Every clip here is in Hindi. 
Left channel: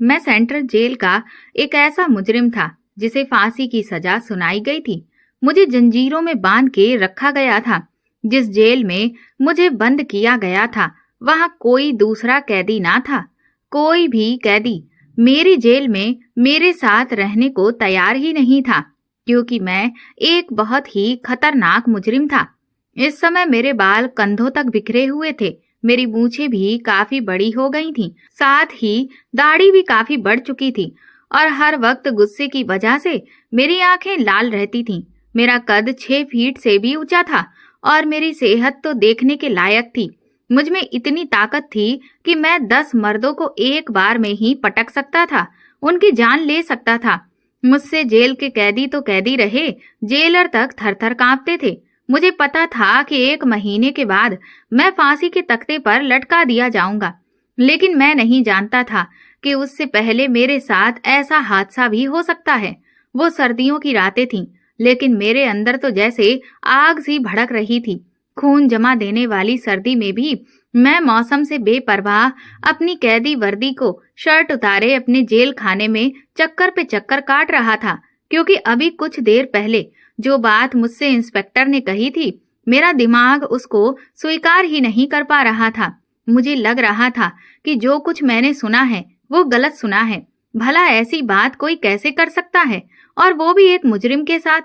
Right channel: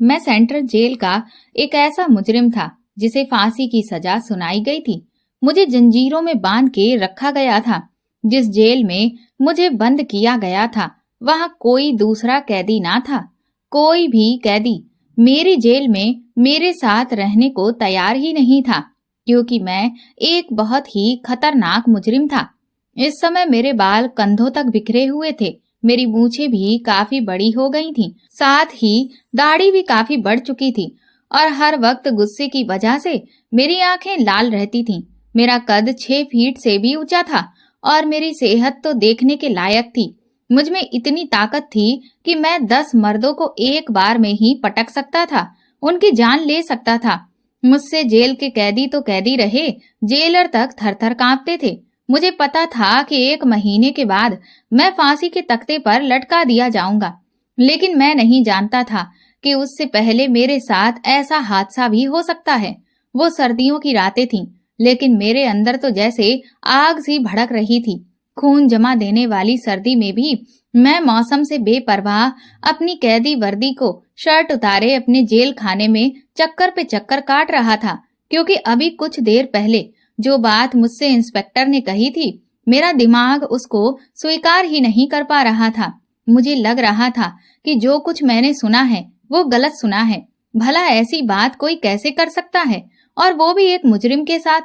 मैं सेंट्रल जेल का एक ऐसा मुजरिम था जिसे फांसी की सजा सुनाई गई थी। मुझे जंजीरों में बांध के रखा गया था। जिस जेल में मुझे बंद किया गया था, वहां कोई दूसरा कैदी ना था। कोई भी कैदी मेरी जेल में मेरे साथ रहने को तैयार ही नहीं था, क्योंकि मैं एक बहुत ही खतरनाक मुजरिम था। इस समय मेरे बाल कंधों तक बिखरे हुए थे। मेरी मूछें भी काफी बड़ी हो गई थीं। साथ ही दाढ़ी भी काफी बढ़ चुकी थी और हर वक्त गुस्से की वजह से मेरी आंखें लाल रहती थीं। मेरा कद 6 फीट से भी ऊंचा था और मेरी सेहत तो देखने के लायक थी। मुझ में इतनी ताकत थी कि मैं 10 मर्दों को एक बार में ही पटक सकता था, उनकी जान ले सकता था। मुझसे जेल के कैदी तो कैदी रहे, जेलर तक थर-थर कांपते थे। मुझे पता था कि 1 महीने के बाद मैं फांसी के तख्ते पर लटका दिया जाऊंगा, लेकिन मैं नहीं जानता था कि उससे पहले मेरे साथ ऐसा हादसा भी हो सकता है। वो सर्दियों की रातें थीं, लेकिन मेरे अंदर तो जैसे आग सी भड़क रही थी। खून जमा देने वाली सर्दी में भी मैं मौसम से बेपरवाह अपनी कैदी वर्दी को शर्ट उतारे अपने जेल खाने में चक्कर पे चक्कर काट रहा था, क्योंकि अभी कुछ देर पहले जो बात मुझसे इंस्पेक्टर ने कही थी, मेरा दिमाग उसको स्वीकार ही नहीं कर पा रहा था। मुझे लग रहा था कि जो कुछ मैंने सुना है वो गलत सुना है। भला ऐसी बात कोई कैसे कर सकता है, और वो भी एक मुजरिम के साथ?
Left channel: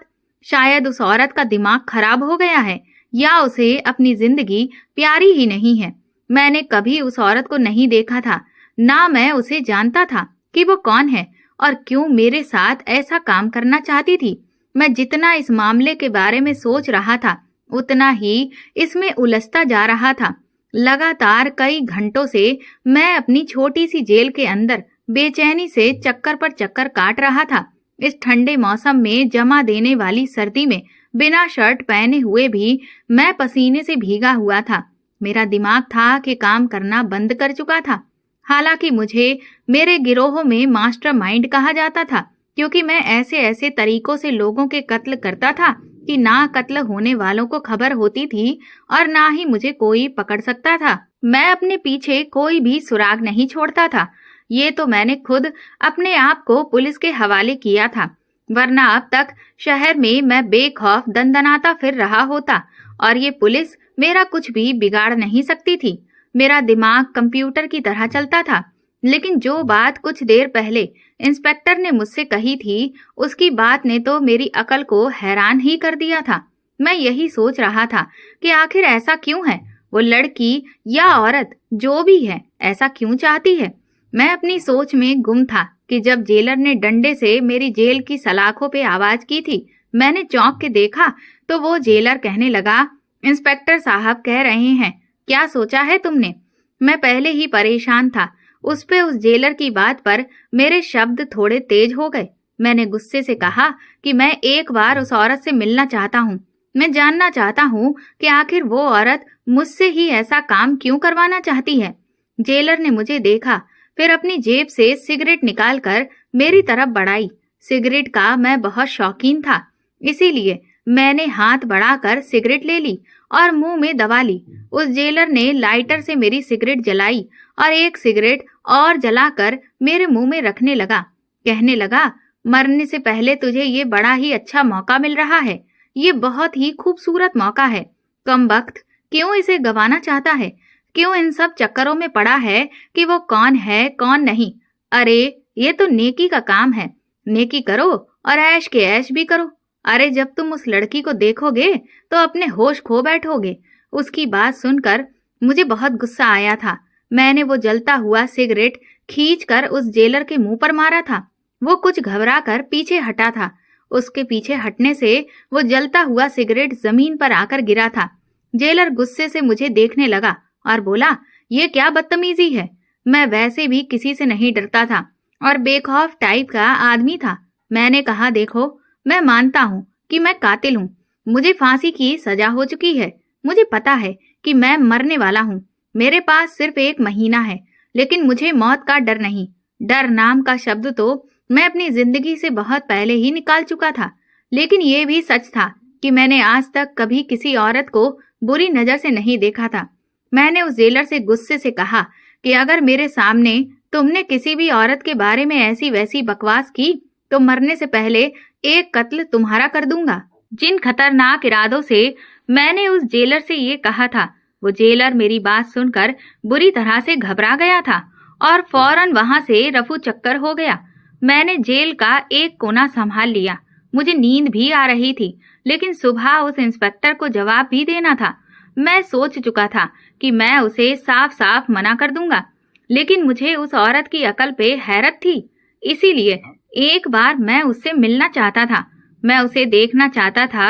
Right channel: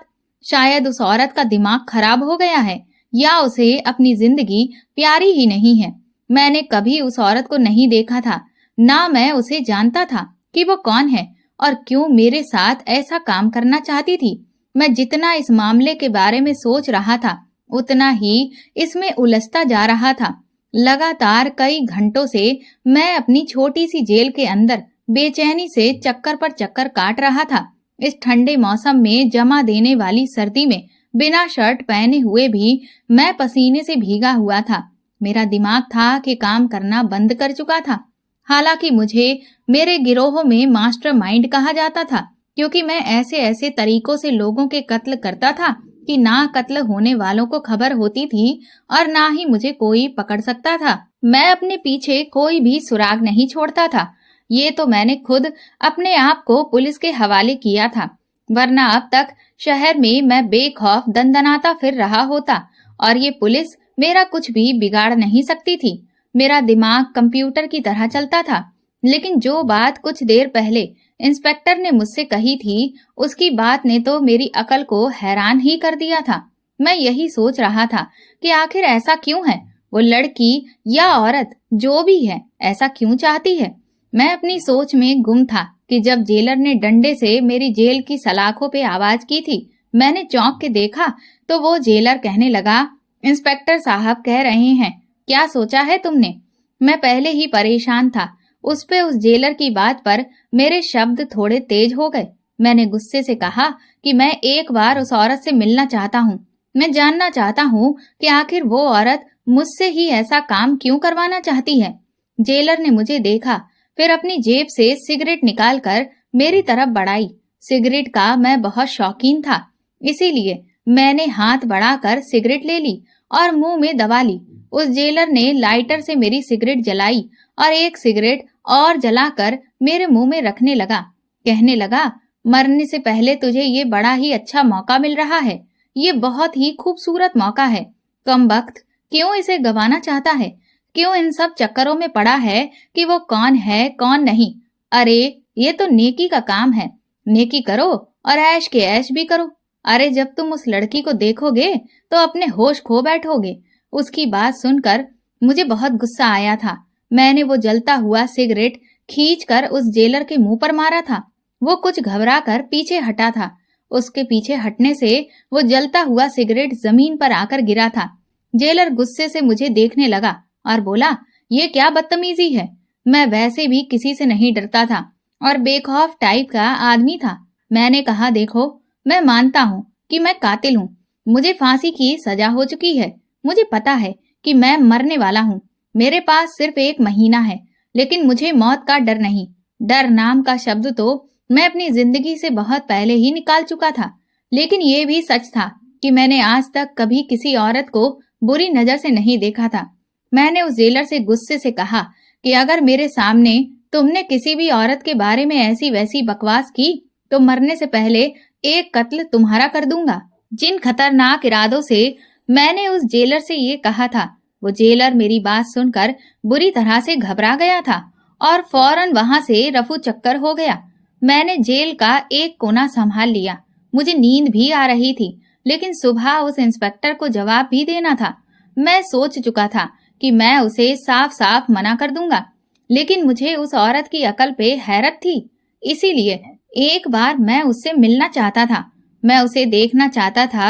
शायद उस औरत का दिमाग खराब हो गया है, या उसे अपनी जिंदगी प्यारी ही नहीं है। मैंने कभी उस औरत को नहीं देखा था, ना मैं उसे जानता था कि वो कौन है और क्यों मेरे साथ ऐसा काम करना चाहती थी। मैं जितना इस मामले के बारे में सोच रहा था, उतना ही इसमें उलझता जा रहा था। लगातार कई घंटों से मैं अपनी छोटी सी जेल के अंदर बेचैनी से चक्कर पर चक्कर काट रहा था। इस ठंडे मौसम में जमा देने वाली सर्दी में बिना शर्ट पहने हुए भी मैं पसीने से भीगा हुआ था। मेरा दिमाग था कि काम करना बंद कर चुका था। हालांकि मुझे मेरे गिरोह में मास्टरमाइंड कहा जाता था, क्योंकि मैं ऐसे ऐसे तरीकों से लोगों के कत्ल करता था कि ना कत्ल होने वालों को खबर होती थी और ना ही मुझे कोई पकड़ सकता था। मैं अपने पीछे कोई भी सुराग नहीं छोड़ता था। ये तो मैंने खुद अपने आप को पुलिस के हवाले किया था, वरना अब तक शहर में मैं बेखौफ दंदनाता फिर रहा होता और ये पुलिस मेरा कुछ भी बिगाड़ नहीं सकती थी। मेरा दिमाग कंप्यूटर की तरह चलता था, लेकिन जो बात कुछ देर पहले इंस्पेक्टर ने मुझसे कही थी, उसकी बात ने तो मेरी अकल को हैरान ही कर दिया था। मैं यही सोच रहा था कि आखिर ऐसा क्यों है? वो लड़की या औरत जो भी है, ऐसा क्यों चाहती है? मैं अपनी सोच में गुम था कि जब जेलर ने डंडे से मेरी जेल की सलाखों पे आवाज की थी, मैंने चौंक के देखा तो वो जेलर कहने लगा, इंस्पेक्टर साहब कह रहे हैं, क्या सोचा है तुमने? मैं पहले ही परेशान था। उस जेलर की बात पर मेरे शब्द थोड़े तेज हो गए। मैंने गुस्से से कहा कि मैं एक बार उस औरत से मिलना चाहता हूँ। मैं जानना चाहता हूँ कि आखिर वो औरत मुझसे ही ऐसा काम क्यों करवाना चाहती है। जेलर ने मुझे देखा, फिर अपनी जेब से सिगरेट निकालकर मेरी तरफ बढ़ाई। सिगरेट का मैं बहुत शौकीन था, इसीलिए मैंने हाथ बढ़ाकर सिगरेट ले ली और मुंह में दबा ली। उस जेलर ने लाइटर से मेरी सिगरेट जलाई और एक सिगरेट और जलाकर मेरे मुंह में रखने लगा। कहने लगा, मरने से पहले तुझे ये बड़ा ही अच्छा मौका मिल रहा है। ये बहुत ही खूबसूरत मौका है। कमबख्त, क्यों इसे गंवाना चाहता है? क्यों इन सब चक्करों में पड़ा है कि वो कौन है कौन नहीं? अरे ये तो नेकी का काम है। नेकी करो और ऐश के ऐश भी करो। अरे जब तुम उस लड़की को देखोगे तो अपने होश खो बैठोगे। उसकी बात सुनकर मुझे बहुत गुस्सा आया था। मैंने वो जलता हुआ सिगरेट खींचकर उस जेलर के मुंह पर मारा था। वो कुछ घबरा कर पीछे हटा था। उसके पीछे हटने से वो जलता हुआ सिगरेट जमीन पर आकर गिरा था। जेलर गुस्से से मुझे देखने लगा और बोला, ये क्या बदतमीजी है? मैं वैसे भी किसी से नहीं डरता था और बेखौफ टाइप का आदमी था। मैंने कहा, देखो, मैं मानता हूँ कि मैं कातिल हूँ। मुझे फांसी की सजा हो चुकी है। मुझे पता है कि मैं मरने वाला हूँ। मेरे पास सिर्फ 1 महीना है, लेकिन मुझे मौत का डर नहीं। डर नाम का शब्द तो मैं अपनी जिंदगी से बहुत पहले ही निकाल चुका था। लेकिन ये भी सच था कि मैंने आज तक कभी किसी औरत को बुरी नजर से नहीं देखा था। मैंने उस जेलर से गुस्से से कहा कि अगर मेरे सामने तुमने किसी भी औरत के बारे में ऐसी वैसी बकवास की तो मरने से पहले एक कत्ल तुम्हारा कर दूंगा। जिन खतरनाक इरादों से मैंने उस जेलर से ये कहा था, वो जेलर मेरी बात सुनकर बुरी तरह से घबरा गया था और फौरन वहां से रफू चक्कर हो गया। मैंने जेल का एक कोना संभाल लिया। मुझे नींद भी आ रही थी, लेकिन सुबह उस इंस्पेक्टर को जवाब भी देना था। मैं सोच चुका था कि मैं उसे साफ साफ मना कर दूंगा, लेकिन मुझे उस औरत की अकल पे हैरत थी। इसीलिए एक बार मैं उससे मिलना चाहता था। मैं उसे देखना चाहता था।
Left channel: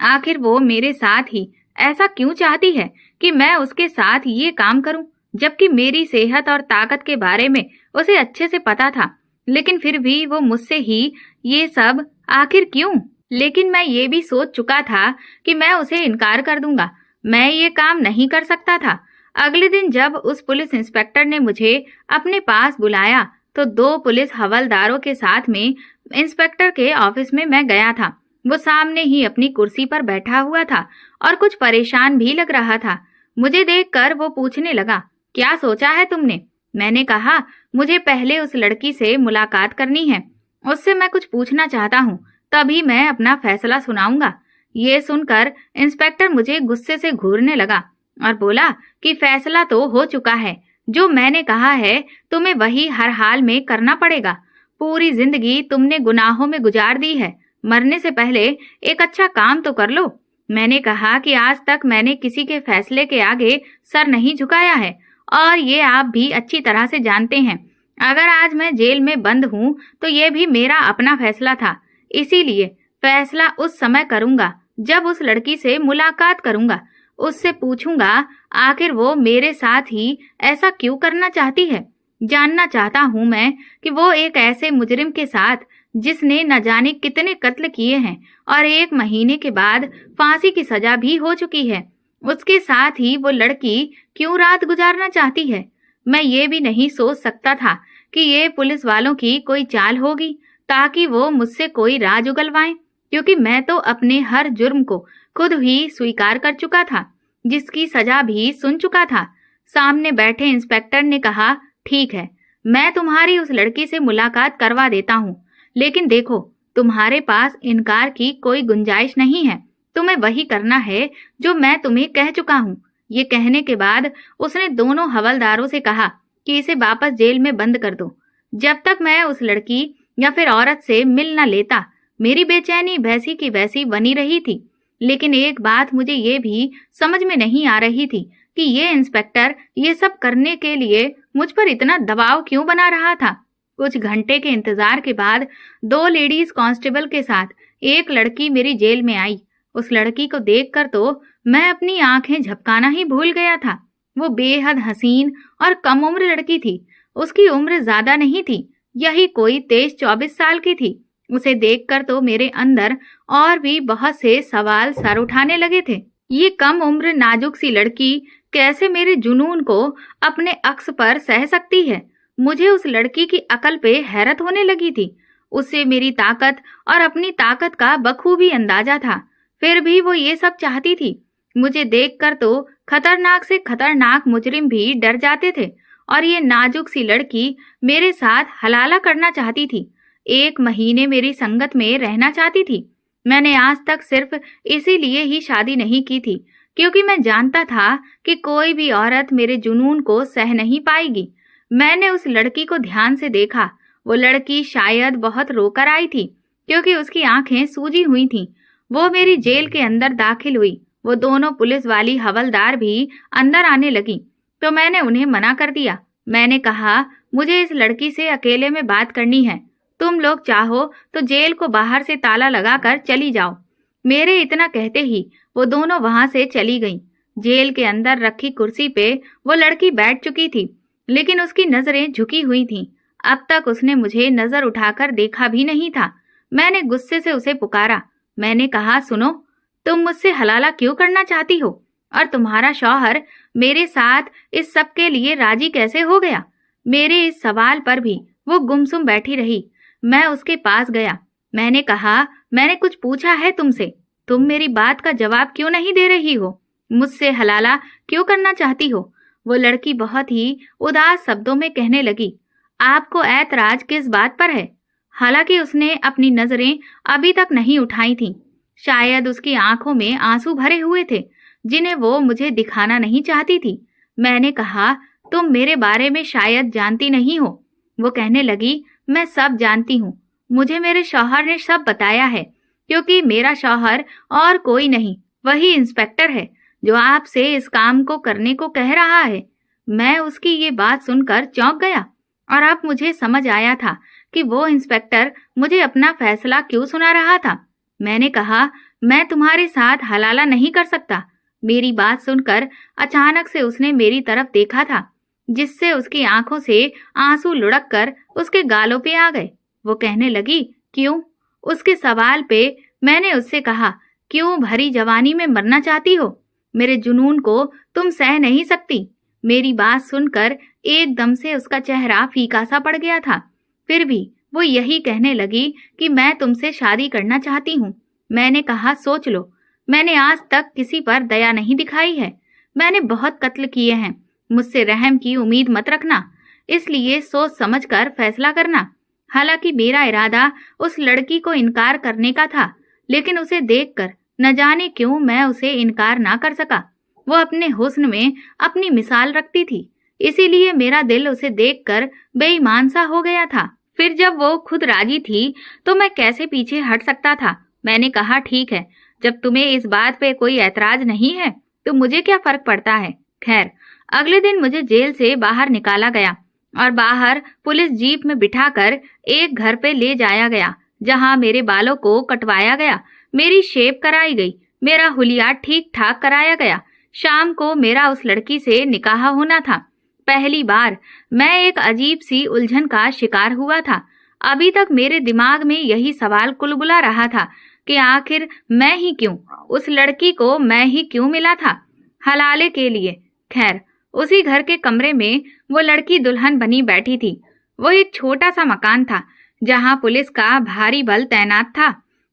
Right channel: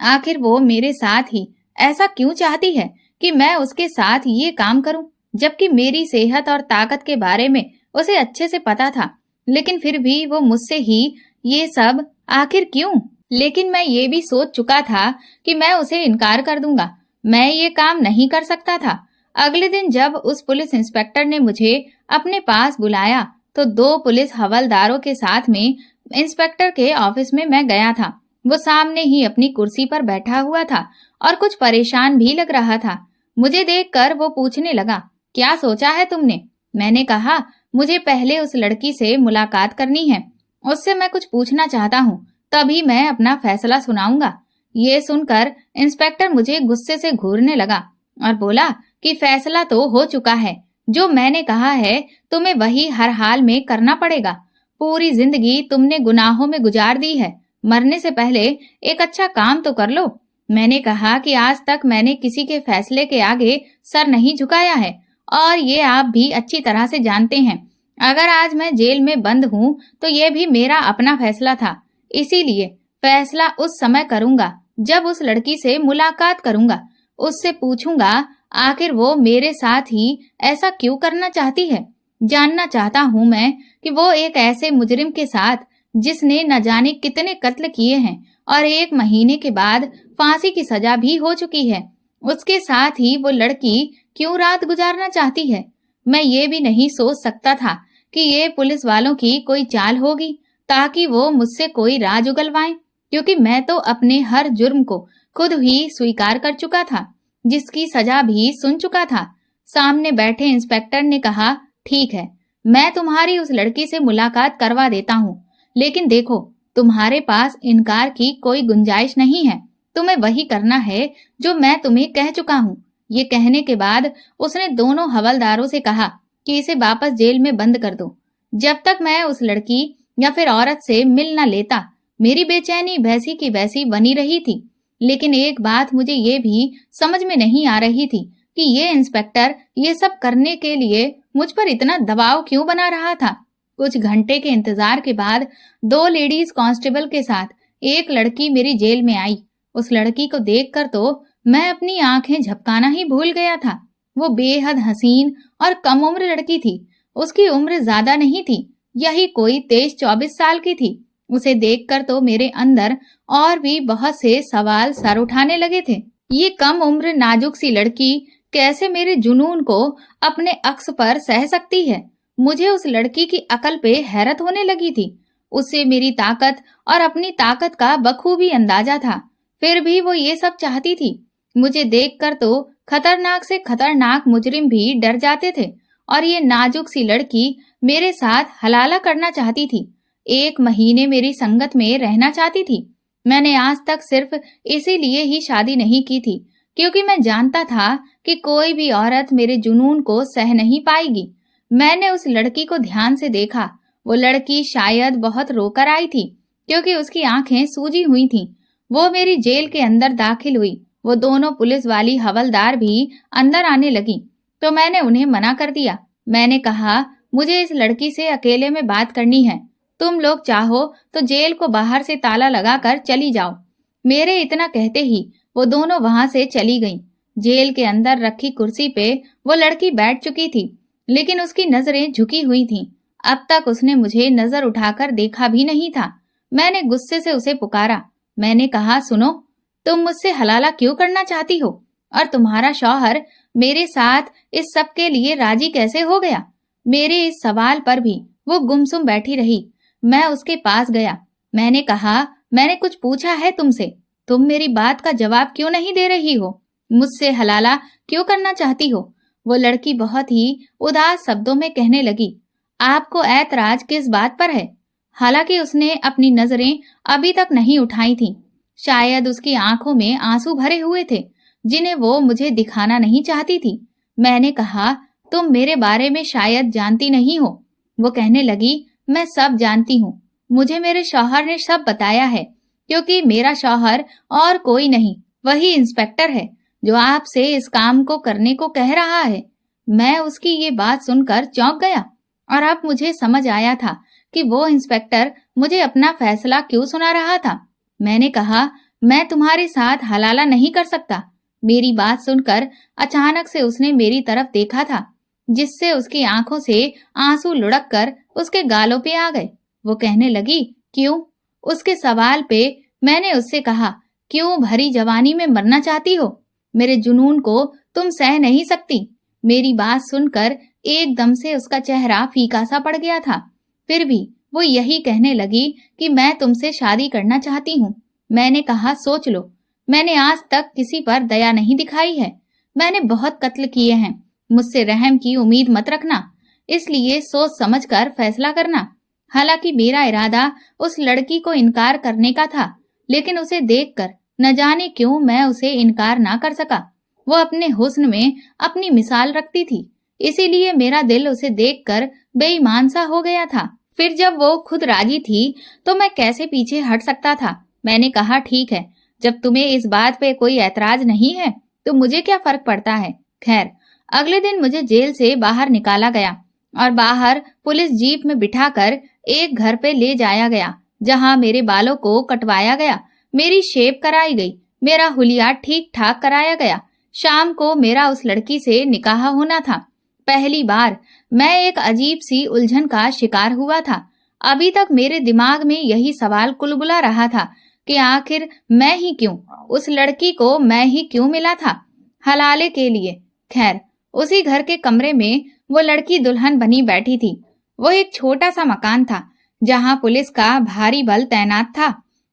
आखिर वो मेरे साथ ही ऐसा क्यों चाहती है कि मैं उसके साथ ये काम करूं, जबकि मेरी सेहत और ताकत के बारे में उसे अच्छे से पता था। लेकिन फिर भी वो मुझसे ही ये सब आखिर क्यों? लेकिन मैं ये भी सोच चुका था कि मैं उसे इनकार कर दूंगा। मैं ये काम नहीं कर सकता था। अगले दिन जब उस पुलिस इंस्पेक्टर ने मुझे अपने पास बुलाया तो 2 पुलिस हवलदारों के साथ में इंस्पेक्टर के ऑफिस में मैं गया था। वो सामने ही अपनी कुर्सी पर बैठा हुआ था और कुछ परेशान भी लग रहा था। मुझे देखकर वो पूछने लगा, क्या सोचा है तुमने? मैंने कहा, मुझे पहले उस लड़की से मुलाकात करनी है। उससे मैं कुछ पूछना चाहता हूँ, तभी मैं अपना फैसला सुनाऊंगा। ये सुनकर इंस्पेक्टर मुझे गुस्से से घूरने लगा और बोला कि फैसला तो हो चुका है। जो मैंने कहा है तुम्हें वही हर हाल में करना पड़ेगा। पूरी जिंदगी तुमने गुनाहों में गुजार दी है। मरने से पहले एक अच्छा काम तो कर लो। मैंने कहा कि आज तक मैंने किसी के फैसले के आगे सर नहीं झुकाया है और ये आप भी अच्छी तरह से जानते हैं। अगर आज मैं जेल में बंद हूँ तो ये भी मेरा अपना फैसला था। इसीलिए फैसला उस समय करूंगा जब उस लड़की से मुलाकात करूंगा। उससे पूछूंगा आखिर वो मेरे साथ ही ऐसा क्यों करना चाहती है। जानना चाहता हूं मैं कि वो एक ऐसे मुजरिम के साथ जिसने न जाने कितने कत्ल किए हैं और 1 महीने के बाद फांसी की सजा भी हो चुकी है, उसके साथ ही वो लड़की क्यों रात गुजारना चाहती है। मैं ये भी नहीं सोच सकता था कि ये पुलिस वालों की कोई चाल होगी ताकि वो मुझसे कोई राज उगलवाएं, क्योंकि मैं तो अपने हर जुर्म को खुद ही स्वीकार कर चुका था, जिसकी सजा भी सुन चुका था। सामने बैठे इंस्पेक्टर ने कहा, ठीक है, मैं तुम्हारी उस लड़की से मुलाकात करवा देता हूँ, लेकिन देखो, तुम्हारे पास इनकार की कोई गुंजाइश नहीं है। तुम्हें वही करना है जो मैं तुम्हें कह चुका हूँ। ये कहने के बाद उसने दोनों हवलदारों से कहा कि इसे वापस जेल में बंद कर दो। जब तक मैं उस लड़की या फिर औरत से मिल न लेता, मेरी बेचैनी वैसी की वैसी बनी रही थी। लेकिन एक बात मुझे ये भी समझ में नहीं आ रही थी कि ये इंस्पेक्टर ये सब करने के लिए मुझ पर इतना दबाव क्यों बना रहा था। कुछ घंटे के इंतजार के बाद 2 लेडीज कांस्टेबल के साथ एक लड़की मेरी जेल में आई। उस लड़की को देखकर तो मैं अपनी आंखें झपकाना ही भूल गया था। वो बेहद हसीन और कम उम्र लड़की थी। उसकी उम्र ज्यादा नहीं थी, यही कोई 23-24 साल की थी। उसे देखकर तो मेरे अंदर और भी बहुत से सवाल सर उठाने लगे थे। ये कम उम्र नाजुक सी लड़की कैसे मेरे जुनून को अपने अक्स पर सह सकती है। मुझे उस लड़की की अकल पे हैरत होने लगी थी। उसे मेरी ताकत और अपनी ताकत का बखूबी अंदाजा था, फिर भी वो ये सब चाहती थी। मुझे देखकर तो खतरनाक से खतरनाक मुजरिम भी डर जाते थे और ये नाजुक सी लड़की मेरे साथ हलाला करना चाहती थी। 1 महीने मेरी संगत में रहना चाहती थी। मैंने आज तक सिर्फ इसीलिए ही शादी नहीं की थी क्योंकि मैं जानता था कि कोई भी औरत मेरे जुनून को सह नहीं पाएगी। मैंने उस लड़की को ध्यान से देखा। वो लड़की शायद बहुत रोकर आई थी क्योंकि उसकी आंखें सूजी हुई थीं। वो मेरी जेल के अंदर दाखिल हुई। वो दोनों पुलिस वाली हवलदार भी अंदर आने लगी तो मैंने उन्हें मना कर दिया। मैंने कहा, मुझे इस लड़की से अकेले में बात करनी है। तुम लोग चाहो तो जेल को बाहर से ताला लगाकर चली जाओ। मेरे इतना कहते ही वो दोनों वहां से चली गईं। जेल के अंदर रखी कुर्सी पे वो लड़की बैठ चुकी थी, लेकिन उसकी नजरें झुकी हुई थीं। अब तक उसने मुझे नजर उठाकर देखा भी नहीं था। मैंने गुस्से से उसे पुकारा। मैंने कहा, सुनो, तुम मुझसे हलाला क्यों करना चाहती हो और तुम्हारा शौहर मेरे साथ इस सब के लिए राजी कैसे हो गया? मेरे इस सवाल पर भी वो गुमसुम बैठी रही। मैं उसके पास गया। मैंने कहा, मैंने कुछ पूछा है तुमसे, तुम मेरी बात का जवाब क्यों नहीं दे रही हो? मुझसे हलाला क्यों करना चाहती हो? वो लड़की बहुत ही उदास शब्दों में कहने लगी, आपको ऐतराज किस बात पर है? हालांकि उसने अपनी नजरें अभी तक नहीं उठाई थीं। शायद उसकी आंखों में आंसू भरे हुए थे, जिन्हें वो मुझे दिखाना नहीं चाहती थी। मैंने कहा, तुम मेरे बारे में शायद जानती नहीं हो। वो कहने लगी, मैं सब जानती हूँ। मुझे मेरे शौहर ने सब बताया है, क्योंकि मेरा शौहर और कोई नहीं, वही इंस्पेक्टर है जो आपसे इस काम को करने को कह रहा है। मैं उसकी ये बात सुनकर चौंक गया और अब मुझे समझ आया था कि वो इंस्पेक्टर मुझे अपना फैसला क्यों सुना रहा था। मैंने कहा, मैं तुम्हारे साथ हलाला नहीं कर सकता। मेरी बात सुनकर अचानक से उसने मेरी तरफ देखा था, जिससे उसकी आंखों से आंसू लुढ़क कर उसके गालों पे आ गए। वो कहने लगी, क्यों? उसके सवाल पे मैंने उससे कहा, क्यों भरी जवानी में मरना चाहती हो? मेरे जुनून को तुम सह नहीं सकती। मेरी बात सुनकर एकदम से उसका चेहरा फीका सा पड़ गया था। फिर भी वो यही कहने लगी कि मैं तुमसे शादी करना चाहती हूँ। मैंने कहा, सोच लो, मैंने आज तक किसी पर दया नहीं दिखाई है। मैंने बहुत कत्ल किए हैं। मुझसे रहम की उम्मीद मत रखना, इसलिए सोच समझ कर फैसला करना। हालांकि मेरा इरादा उस लड़की को इनकार करने का था, लेकिन उसे देखकर न जाने क्यों मैं उसे इनकार ना कर सका। वो अपने हुस्न में अपनी मिसाल रखती थी, इसीलिए मेरा दिल उसे देखकर बेईमान सा हो गया था। फिर जब वो खुद राजी थी तो मैं कैसे पीछे हट सकता था। मैंने कहा, ठीक है, जब तुम्हें इस बात पे कोई ऐतराज नहीं है तो मुझे क्या फर्क पड़ता है। खैर, अगले दिन मुझे जेल से बाहर निकाला गया और बाहर पुलिस जीप में बिठाकर एक घर पे ले जाया गया, जहां मेरे बालों को कटवाया गया, मेरी शेव कराई गई, मेरा हुलिया ठीक ठाक कराया गया। शाम को मेरा उस लड़की से निकाह होना था। पहली बार मैं एक अजीब सी उलझन का शिकार हुआ था। अभी तक मेरे दिमाग में यही सवाल कुलबुला रहा था कि आखिर मैं ही क्यों, उस लड़की को मैं ही क्यों मिला था हलाले के लिए। खैर, उसी घर के कमरे में वो लड़की दुल्हन बनी बैठी थी। वो एक छोटा सा मकान था, जहां पुलिस का भारी बल तैनात था,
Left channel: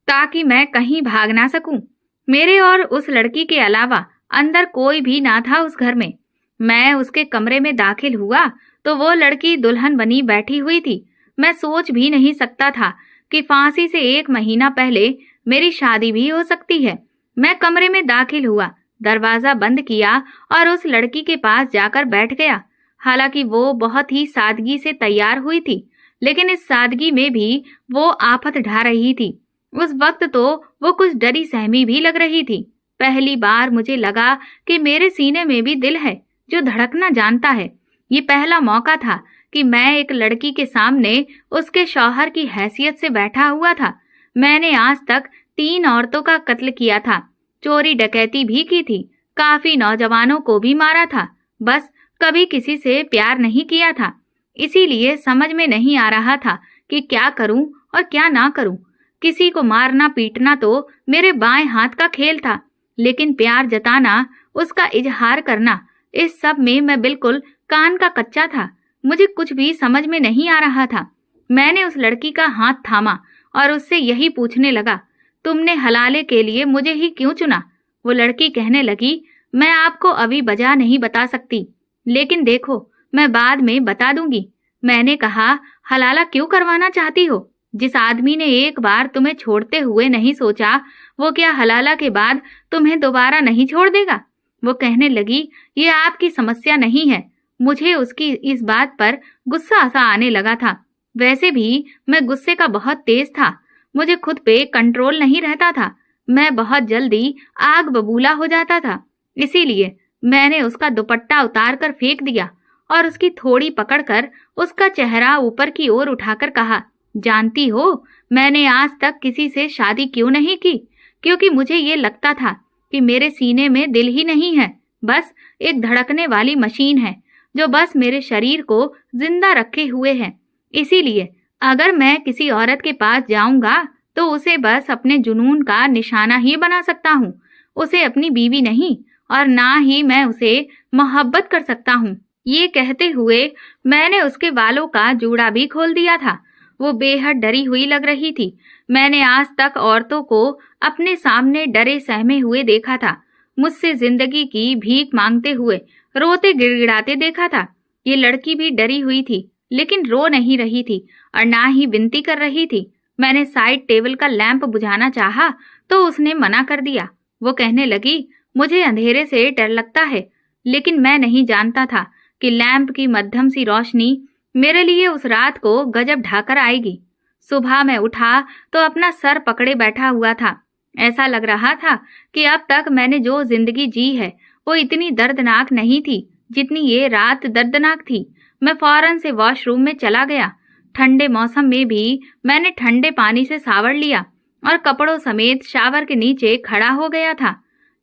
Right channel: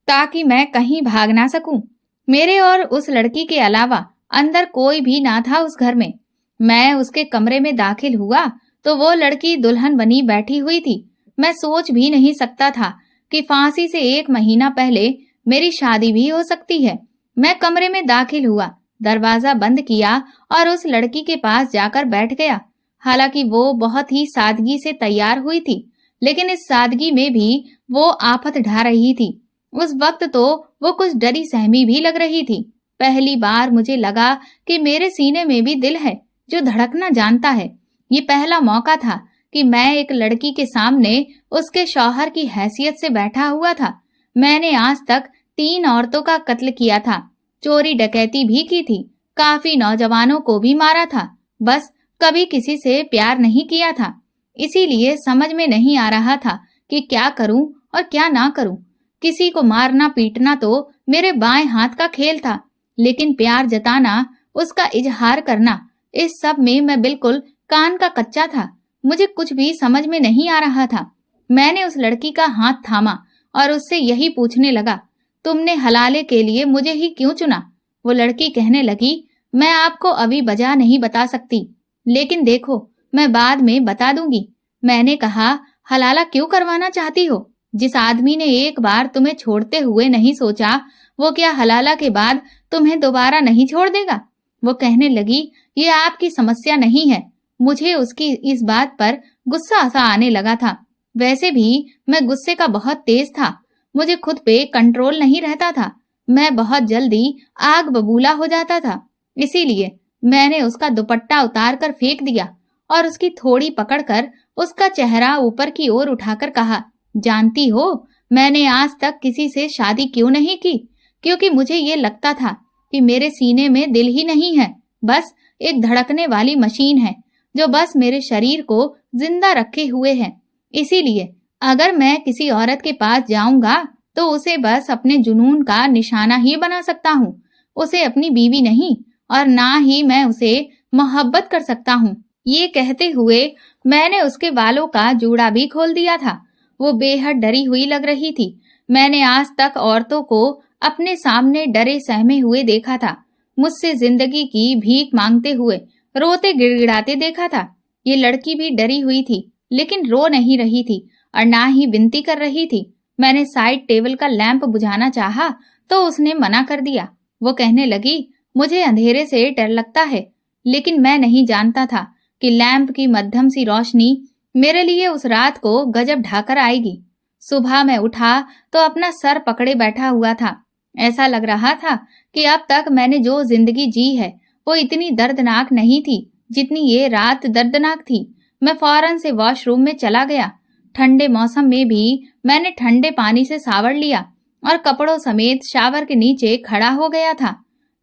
ताकि मैं कहीं भाग ना सकूं। मेरे और उस लड़की के अलावा अंदर कोई भी ना था उस घर में। मैं उसके कमरे में दाखिल हुआ तो वो लड़की दुल्हन बनी बैठी हुई थी। मैं सोच भी नहीं सकता था कि फांसी से 1 महीना पहले मेरी शादी भी हो सकती है। मैं कमरे में दाखिल हुआ, दरवाजा बंद किया और उस लड़की के पास जाकर बैठ गया। हालांकि वो बहुत ही सादगी से तैयार हुई थी, लेकिन इस सादगी में भी वो आफत ढा रही थी। उस वक्त तो वो कुछ डरी सहमी भी लग रही थी। पहली बार मुझे लगा कि मेरे सीने में भी दिल है जो धड़कना जानता है। ये पहला मौका था कि मैं एक लड़की के सामने उसके शौहर की हैसियत से बैठा हुआ था। मैंने आज तक 3 औरतों का कत्ल किया था, चोरी डकैती भी की थी, काफी नौजवानों को भी मारा था, बस कभी किसी से प्यार नहीं किया था। इसीलिए समझ में नहीं आ रहा था कि क्या करूं और क्या ना करूं। किसी को मारना पीटना तो मेरे बाएं हाथ का खेल था, लेकिन प्यार जताना, उसका इजहार करना, इस सब में मैं बिल्कुल कान का कच्चा था। मुझे कुछ भी समझ में नहीं आ रहा था। मैंने उस लड़की का हाथ थामा और उससे यही पूछने लगा, तुमने हलाले के लिए मुझे ही क्यों चुना? वो लड़की कहने लगी, मैं आपको अभी वजह नहीं बता सकती, लेकिन देखो, मैं बाद में बता दूंगी। मैंने कहा, हलाला क्यों करवाना चाहती हो? जिस आदमी ने एक बार तुम्हें छोड़ते हुए नहीं सोचा, वो क्या हलाला के बाद तुम्हें दोबारा नहीं छोड़ देगा? वो कहने लगी, ये आपकी समस्या नहीं है। मुझे उसकी इस बात पर गुस्सा सा आने लगा था। वैसे भी मैं गुस्से का बहुत तेज था, मुझे खुद पे कंट्रोल नहीं रहता था। मैं बहुत जल्दी आग बबूला हो जाता था। इसीलिए मैंने उसका दुपट्टा उतार कर फेंक दिया और उसकी थोड़ी पकड़कर उसका चेहरा ऊपर की ओर उठाकर कहा, जानती हो, मैंने आज तक किसी से शादी क्यों नहीं की? क्योंकि मुझे ये लगता था कि मेरे सीने में दिल ही नहीं है, बस एक धड़कने वाली मशीन है जो बस मेरे शरीर को जिंदा रखे हुए है। इसीलिए अगर मैं किसी औरत के पास जाऊंगा तो उसे बस अपने जुनून का निशाना ही बना सकता हूँ, उसे अपनी बीवी नहीं, और ना ही मैं उसे मोहब्बत कर सकता हूँ। ये कहते हुए मैंने उसके बालों का जूड़ा भी खोल दिया था। वो बेहद डरी हुई लग रही थी। मैंने आज तक औरतों को अपने सामने डरे सहमे हुए देखा था, मुझसे जिंदगी की भीख मांगते हुए, रोते गिड़गिड़ाते देखा था। ये लड़की भी डरी हुई थी, लेकिन रो नहीं रही थी और ना ही विनती कर रही थी। मैंने साइड टेबल का लैंप बुझाना चाहा तो उसने मना कर दिया। वो कहने लगी, मुझे अंधेरे से डर लगता है। लेकिन मैं नहीं जानता था कि लैंप की मध्यम सी रोशनी मेरे लिए उस रात को गजब ढाकर आएगी। सुबह मैं उठा तो अपना सर पकड़े बैठा हुआ था। ऐसा लग रहा था कि अब तक मैंने जो जिंदगी जी है वो इतनी दर्दनाक नहीं थी जितनी ये रात दर्दनाक थी। मैं फौरन से वॉशरूम में चला गया। ठंडे मौसम में भी मैंने ठंडे पानी से सावर लिया और कपड़ों समेत शावर के नीचे खड़ा हो गया था।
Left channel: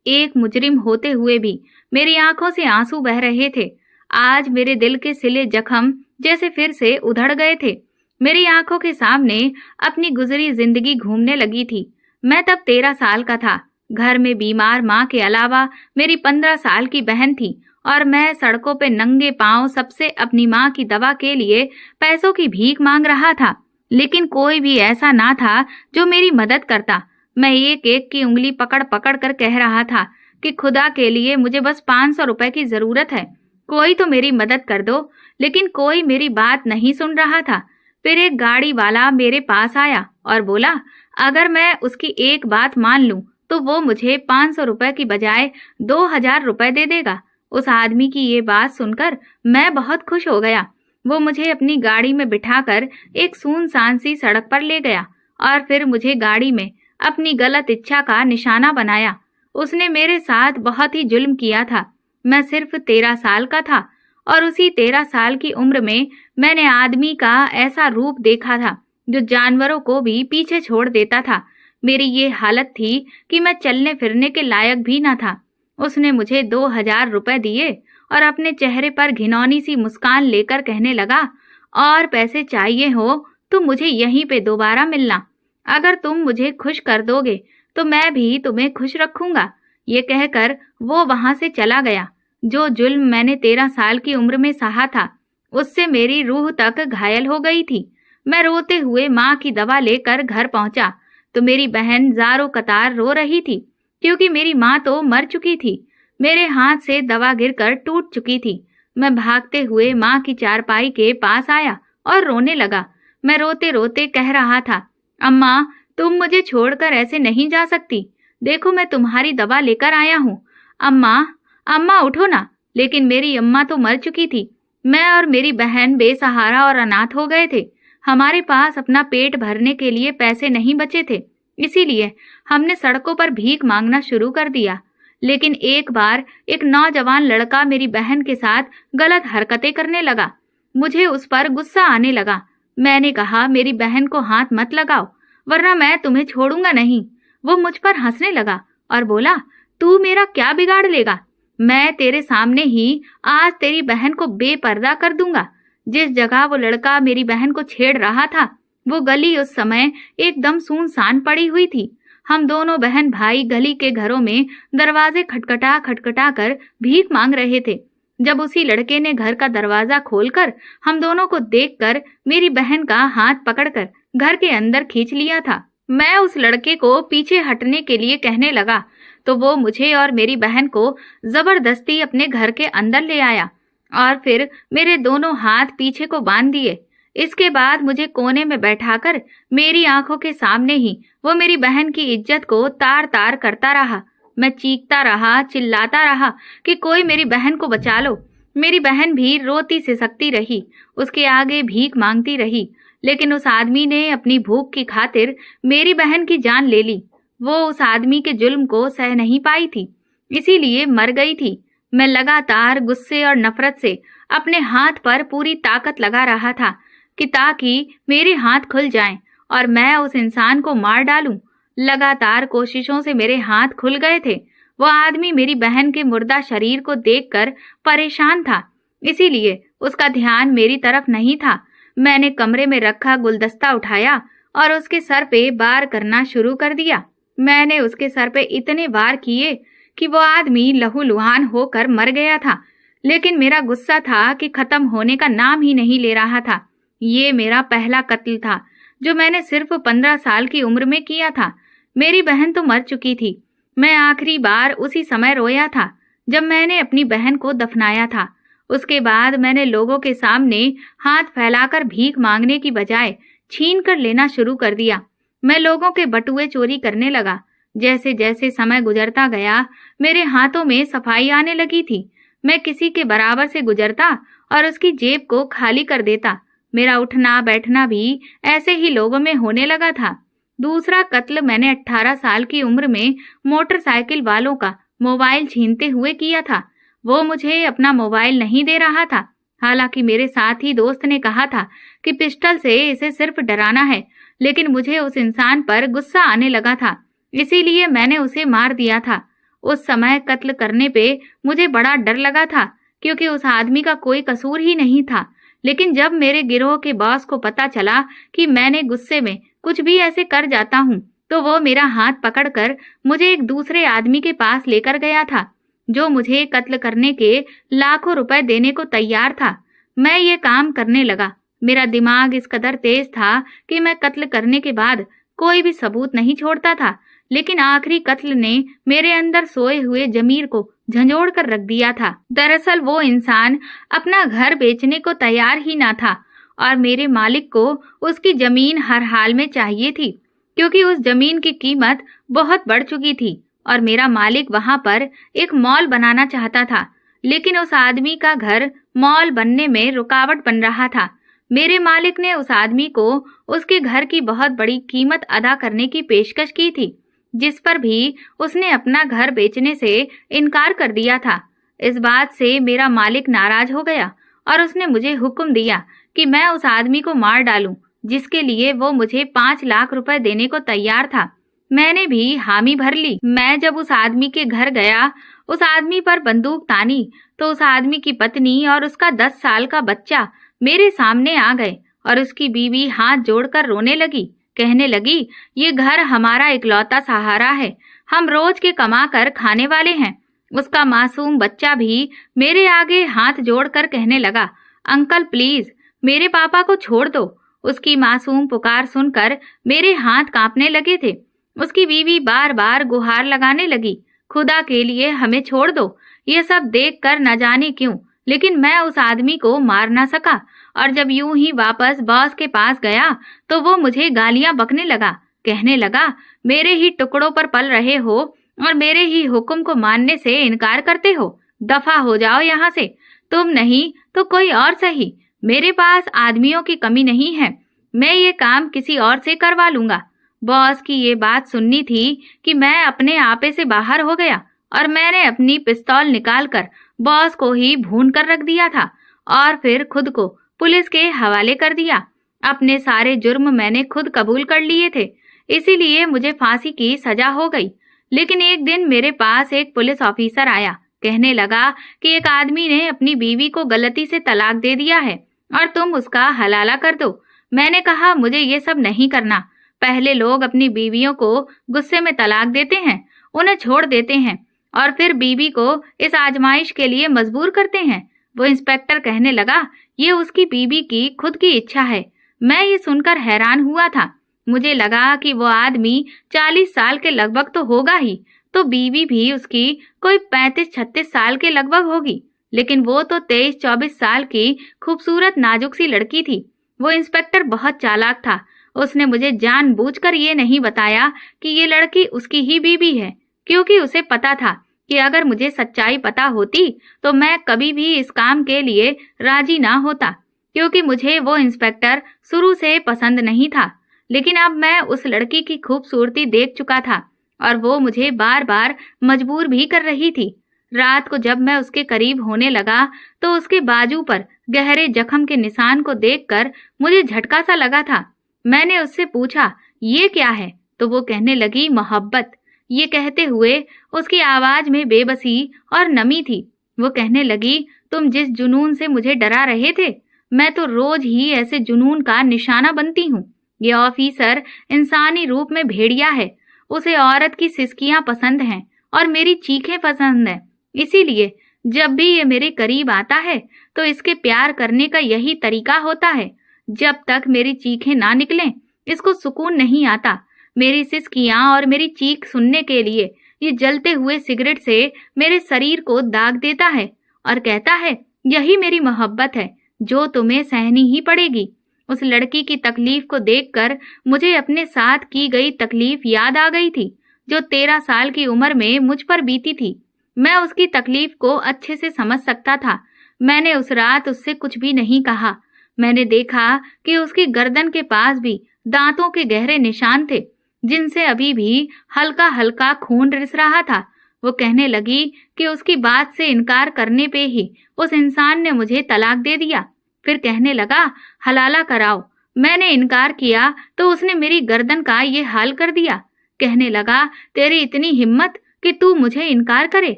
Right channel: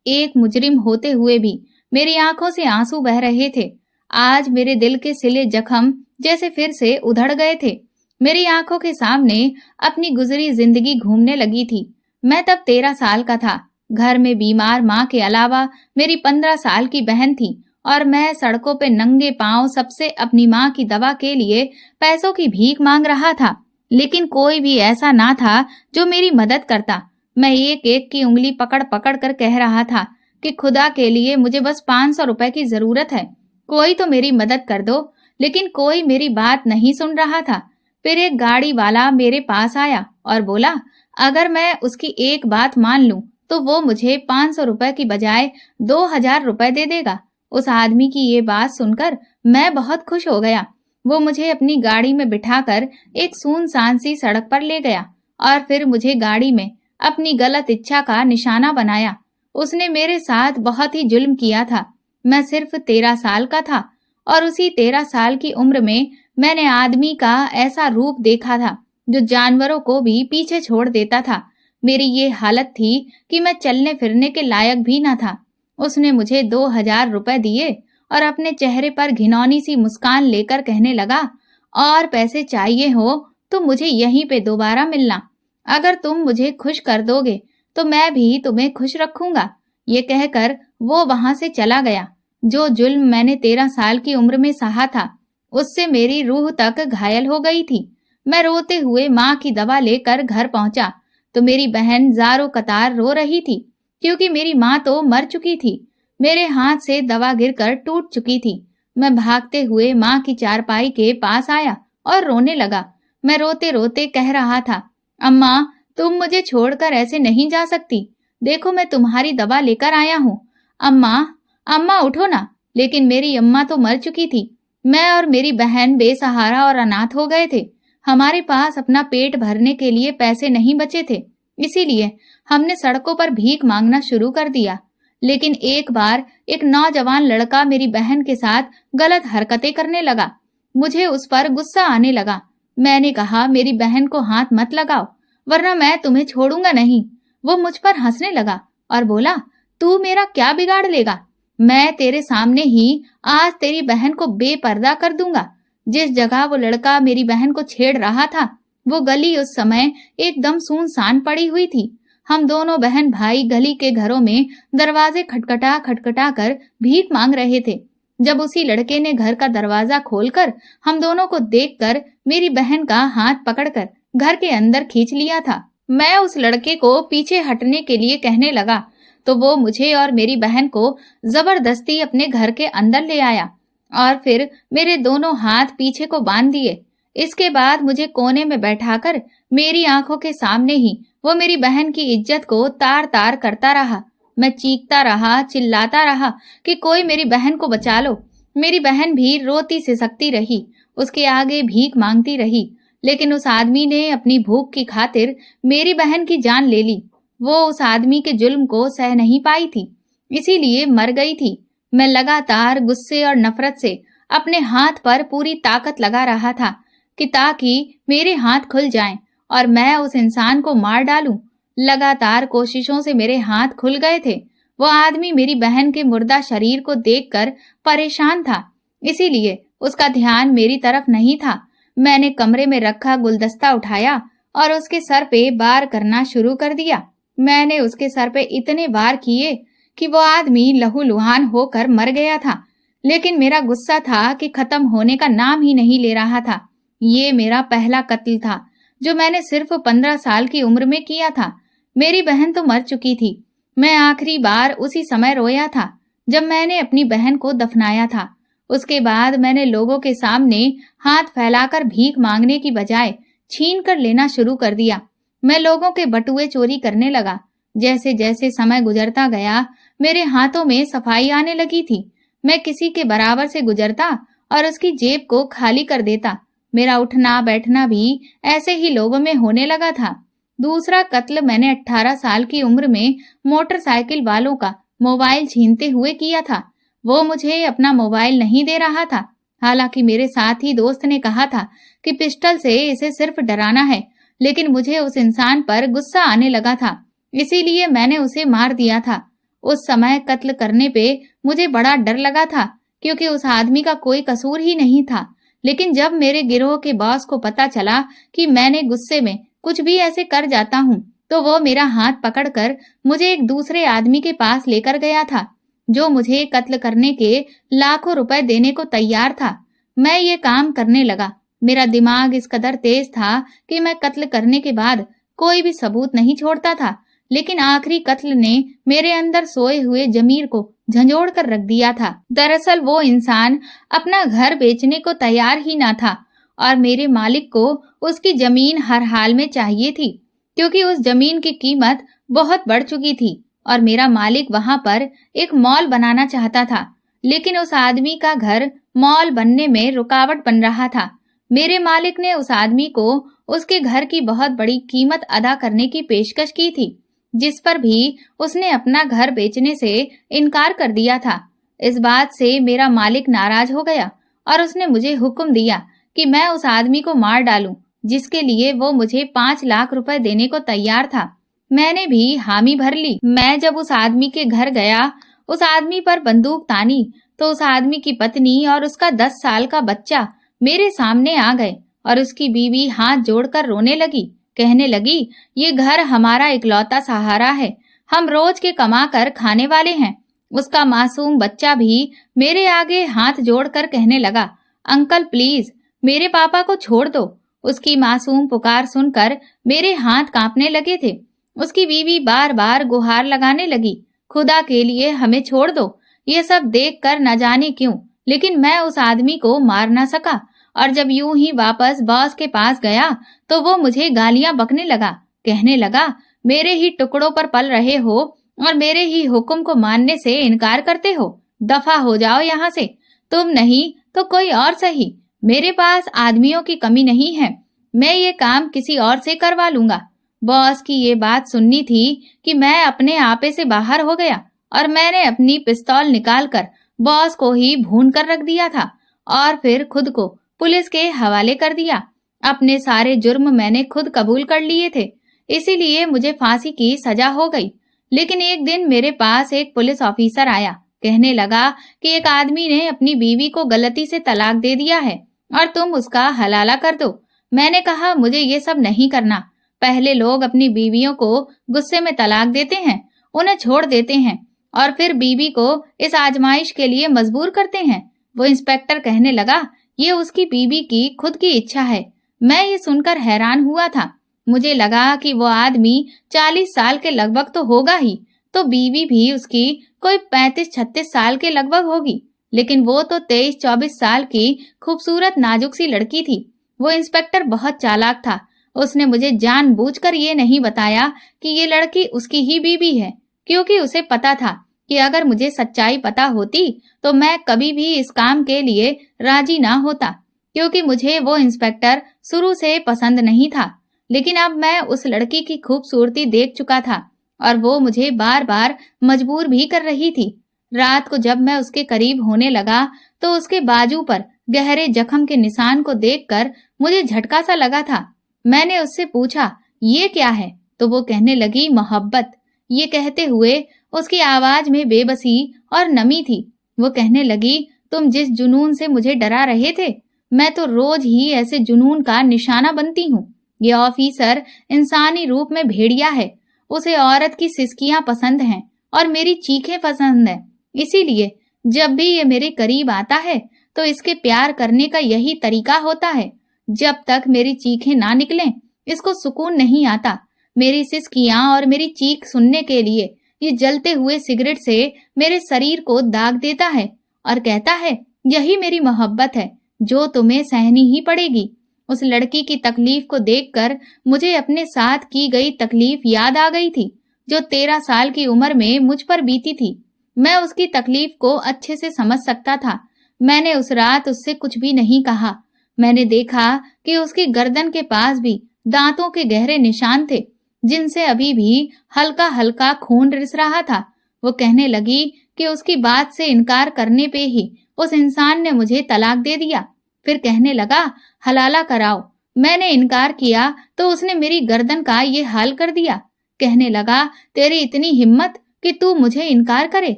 एक मुजरिम होते हुए भी मेरी आंखों से आंसू बह रहे थे। आज मेरे दिल के सिले जख्म जैसे फिर से उधड़ गए थे। मेरी आंखों के सामने अपनी गुजरी जिंदगी घूमने लगी थी। मैं तब 13 साल का था। घर में बीमार माँ के अलावा मेरी 15 साल की बहन थी और मैं सड़कों पे नंगे पांव सबसे अपनी माँ की दवा के लिए पैसों की भीख मांग रहा था। लेकिन कोई भी ऐसा ना था जो मेरी मदद करता। मैं एक एक की उंगली पकड़ पकड़ कर कह रहा था कि खुदा के लिए मुझे बस 500 रुपए की जरूरत है, कोई तो मेरी मदद कर दो। लेकिन कोई मेरी बात नहीं सुन रहा था। फिर एक गाड़ी वाला मेरे पास आया और बोला, अगर मैं उसकी एक बात मान लूं तो वो मुझे 500 रुपए की बजाय 2000 रुपए दे देगा। उस आदमी की ये बात सुनकर मैं बहुत खुश हो गया। वो मुझे अपनी गाड़ी में बिठाकर एक सुनसान सी सड़क पर ले गया और फिर मुझे गाड़ी में अपनी गलत इच्छा का निशाना बनाया। उसने मेरे साथ बहुत ही जुल्म किया था। मैं सिर्फ 13 साल का था और उसी 13 साल की उम्र में मैंने आदमी का ऐसा रूप देखा था जो जानवरों को भी पीछे छोड़ देता था। मेरी ये हालत थी कि मैं चलने फिरने के लायक भी ना था। उसने मुझे 2000 रुपए दिए और अपने चेहरे पर घिनौनी सी मुस्कान लेकर कहने लगा, और पैसे चाहिए हो तो मुझे यहीं पे दोबारा मिलना। अगर तुम मुझे खुश कर दोगे तो मैं भी तुम्हें खुश रखूंगा। ये कहकर वो वहां से चला गया। जो जुल्म मैंने 13 साल की उम्र में सहा था उससे मेरी रूह तक घायल हो गई थी। मैं रोते हुए माँ की दवा लेकर घर पहुंचा तो मेरी बहन ज़ारो कतार रो रही थी क्योंकि मेरी माँ तो मर चुकी थी। मेरे हाथ से दवा गिरकर टूट चुकी थी। मैं भागते हुए माँ की चारपाई के पास आया और रोने लगा। मैं रोते रोते कह रहा था, अम्मा, तुम मुझे छोड़कर ऐसे नहीं जा सकती। देखो मैं तुम्हारी दवा लेकर आया हूँ। अम्मा, अम्मा उठो ना। लेकिन मेरी अम्मा तो मर चुकी थी। मैं और मेरी बहन बेसहारा और अनाथ हो गए थे। हमारे पास अपना पेट भरने के लिए पैसे नहीं बचे थे, इसीलिए हमने सड़कों पर भीख मांगना शुरू कर दिया। लेकिन एक बार एक नौजवान लड़का मेरी बहन के साथ गलत हरकतें करने लगा। मुझे उस पर गुस्सा आने लगा। मैंने कहा, मेरी बहन को हाथ मत लगाओ वरना मैं तुम्हें छोड़ूंगा नहीं। वो मुझ पर हंसने लगा और बोला, तू मेरा क्या बिगाड़ लेगा? मैं तेरे सामने ही आज तेरी बहन को बेपर्दा कर दूंगा। जिस जगह वो लड़का मेरी बहन को छेड़ रहा था वो गली उस समय एकदम सुनसान पड़ी हुई थी। हम दोनों बहन भाई गली के घरों में दरवाजे खटखटा खटखटा कर भीख मांग रहे थे। जब उसी लड़के ने घर का दरवाजा खोलकर हम दोनों को देखकर मेरी बहन का हाथ पकड़कर घर के अंदर खींच लिया था। मैं उस लड़के को पीछे हटने के लिए कहने लगा तो वो मुझे और मेरी बहन को जबरदस्ती अपने घर के अंदर ले आया और फिर मेरे दोनों हाथ पीछे को बांध दिए। इसके बाद मुझे कोने में बैठाकर मेरी आंखों के सामने ही वो मेरी बहन की इज्जत को तार तार करता रहा। मैं चीखता रहा, चिल्लाता रहा कि कोई मेरी बहन को बचा लो। मेरी बहन भी रोती सिसकती रही, उसके आगे भीख मांगती रही। लेकिन उस आदमी ने अपनी भूख की खातिर मेरी बहन की जान ले ली। वो उस आदमी के जुल्म को सह नहीं पाई थी, इसीलिए मर गई थी। मैं लगातार गुस्से और नफरत से अपने हाथ पर पूरी ताकत लगा रहा था कि ताकि मेरे हाथ खुल जाएं और मैं उस इंसान को मार डालूं। लगातार कोशिशों से मेरे हाथ खुल गए थे। वो आदमी मेरी बहन के मुर्दा शरीर को देखकर परेशान था, इसीलिए उसका ध्यान मेरी तरफ नहीं था। मैंने कमरे में रखा गुलदस्ता उठाया और उसके सर पे वार करना शुरू कर दिया। मैंने उसके सर पे इतने वार किए कि वो आदमी लहूलुहान होकर मर गया था। लेकिन मेरा गुस्सा था कि खत्म होने का नाम ही नहीं ले रहा था। ये मेरा पहला कत्ल था जो मैंने सिर्फ 15 साल की उम्र में किया था। मेरी बहन तो मर चुकी थी। मैं आखिरी बार उसी समय रोया था जब मैंने अपनी बहन को दफनाया था उसके बाद मैंने लोगों के सामने हाथ फैलाकर भीख मांगने की बजाय छीन कर लेना शुरू कर दिया। मैं लोगों के बटुए चोरी करने लगा। जैसे जैसे समय गुजरता गया, मेरे हाथों में सफाई आने लगी थी। मैं किसी के बराबर से गुजरता और उसकी जेब को खाली कर देता। मेरा उठना बैठना भी ऐसे ही लोगों में होने लगा था। दूसरा कत्ल मैंने 18 साल की उम्र में मोटरसाइकिल वालों का मोबाइल छीनते हुए किया था। वो मुझे अपना मोबाइल नहीं दे रहा था। हालांकि मेरे साथी दोस्त ने कहा था कि पिस्टल से इसे सिर्फ डराना है, लेकिन मुझे उस इंसान पर गुस्सा आने लगा था, इसीलिए मैंने उसे मार दिया था। उस समय कत्ल करने पे मुझे बड़ा डर लगा था, क्योंकि उस आदमी का कोई कसूर ही नहीं था। लेकिन जब मेरे गिरोह के बॉस को पता चला कि मैंने गुस्से में कुछ भी ऐसे कर जाता हूँ, तो वो मेरा हाथ पकड़कर मुझे एक दूसरे आदमी के पास लेकर गया था, जो मुझे कत्ल करने के लाखों रुपए देने को तैयार था। मैं ये काम करने लगा। मेरा दिमाग इस कदर तेज था कि मैं कत्ल करने के बाद कोई भी सबूत नहीं छोड़ता था। लेकिन आखिरी कत्ल ने मेरे अंदर सोए हुए जमीर को झंझोड़ कर रख दिया था। दरअसल वो इंसान अपना घर बेचने को तैयार ही ना था और मेरे मालिक को उसकी जमीन हर हाल में चाहिए थी, क्योंकि उस जमीन की कीमत बहुत बढ़ चुकी थी और मेरा मालिक वहां पर एक मॉल बनाना चाहता था। लेकिन उस आदमी का घर मॉल बनने में रुकावट बन रहा था। मेरे मालिक ने उस आदमी को उसके घर की बहुत बड़ी कीमत अदा करने की पेशकश की थी, जिस पर भी उसने अपना घर बेचने से इनकार कर दिया था। इस बात से मेरा मालिक नाराज हो गया और उसने मुझे हुक्म दिया कि मैं उस आदमी को मार डालूं, जिसके लिए वो मुझे 5 लाख रुपए देने को तैयार था। मैंने भी हामी भर ली। मैं जब उस आदमी के घर गया, उस आदमी पर बंदूक तानी, तो उस आदमी की पत्नी और उसका 10 साल का बच्चा मेरे सामने आ गए और उसकी बीवी हाथ जोड़कर रोने लगी, कहने लगी, ये घर हमारा इकलौता सहारा है, हम रोज के कमा कर खाने वाले हैं। उसका मासूम बच्चा भी मेरे आगे हाथ जोड़कर कहने लगा, अंकल प्लीज मेरे पापा को छोड़ दो। उसकी मासूम पुकार सुनकर मेरे हाथ कांपने लगे थे। उसकी बीवी बार बार गुहार लगाने लगी, खुदा के लिए हमें छोड़ दो। ये सब देखकर न जाने क्यों, लेकिन मैं उस आदमी को मार ना सका और जब यूं ही वापस बॉस के पास गया तो वो मुझे गालियां बकने लगा, कहने लगा, मेरे ही टुकड़ों पर पल रहे हो और मेरे ही हुक्म को मानने से इनकार करते हो। दफा हो जाओ यहाँ से, तुम नहीं तो कोई और सही। मेरे पास आदमियों की कमी नहीं है, मैं ये काम किसी और से करवा लूंगा। बॉस की ये बात सुननी थी कि मैं अपने आपे से बाहर हो गया और मैंने अपनी पिस्तौल निकालकर बॉस को ही भून कर रख दिया था और फिर खुद को पुलिस के हवाले कर दिया। अपने सारे जुर्म मैंने खुद कबूल कर लिए थे, इसीलिए मुझे फांसी की सजा हो गई। लेकिन एक दिन मेरे पास एक पुलिस ऑफिसर आया, कहने लगा कि एक आदमी ने अपनी बीवी को गलती से तलाक दे दिया है और तुम उसका हलाला कर दो। मैंने कहा, मुझे ये सब नहीं करना। पहले लोग अपनी बीवियों को गुस्से में तलाक देते हैं, उन्हें छोड़ देते हैं और फिर बीवी को इस आजमाइश के लिए मजबूर करते हैं। वो इंस्पेक्टर कहने लगा, ये उसकी बीवी की खुद की इच्छा है। मैं ये सुनकर हैरान हुआ था। मुझे लगा कि वो आदमी 40 साल के लगभग तो होगा ही, तो बीवी भी उसकी कोई 35-36 साल के लगभग होगी। लेकिन वो तो 23-24 साल की खूबसूरत नाजुक सी लड़की थी। वो इंस्पेक्टर बहुत चालाक था। उसने मुझे जानबूझकर ये नहीं बताया कि ये लड़की उसकी ही बीवी है, क्योंकि उसे पता था कि अगर मुझे सच्चाई पता होती तो मैं कभी भी इस काम के लिए राजी ना होता, क्योंकि मुझे वो इंस्पेक्टर शुरू से पसंद नहीं था। लेकिन अब मैं उस लड़की की खूबसूरती देख चुका था और वो मुझे बार बार मजबूर भी कर रही थी। रात को जब मैं उसके करीब होने लगा तो उसके बाजू पर गहरे जख्म के निशान को देखकर मुझे झटका सा लगा था। मैंने उससे पूछा, ये क्या है? तो वो कहने लगी, मोहब्बत। ये कहते हुए उसकी आवाज में बेबसी और नमी थी। वो कहने लगी, तुम जिस जुनून से मुझे डरा रहे थे, मैं तो रोज ही ऐसे जुनून का निशाना बनती हूँ। ये ऑफिसर इंसानी रूप में भेड़िया है। उसे औरत की सिसकियां पसंद हैं और मेरी चीखें पसंद हैं। इसीलिए जब भी ये मेरे करीब आता है तो इसके प्यार करने का यही तरीका होता है। जब तक मेरी चीखें ना निकलें, इसको सुकून नहीं आता। मेरी सिसकियां और मेरी चीख सुनने के लिए ये जलते हुए सिगरेट से मेरे शरीर को दाग देता है और कहता है, यही मेरी मोहब्बत है जो तुम्हें सहनी ही पड़ेगी। उस लड़की की तकलीफ को देखकर मुझे अपने साथ की गई तकलीफ याद आ गई थी, जो 13 साल की उम्र में मुझ पर बीती थी। मैं उसकी तकलीफ को अच्छे से समझ सकता था। मैंने उस रात उससे कुछ भी नहीं कहा। मैंने देखा कि उसकी गर्दन के पास भी दांतों के गहरे निशान थे, जिनसे अभी भी हल्का हल्का खून रिस रहा था। वो कहने लगी कि उसकी बात से इनकार करने पे ही उस इंसान ने मुझे तलाक दे दिया। फिर कहने लगा, हलाला कराओ। मैंने इनकार किया तो उसने मेरी गर्दन का ये हाल कर दिया। कहने लगा, तेरी इतनी हिम्मत कि तू मुझे इनकार करे।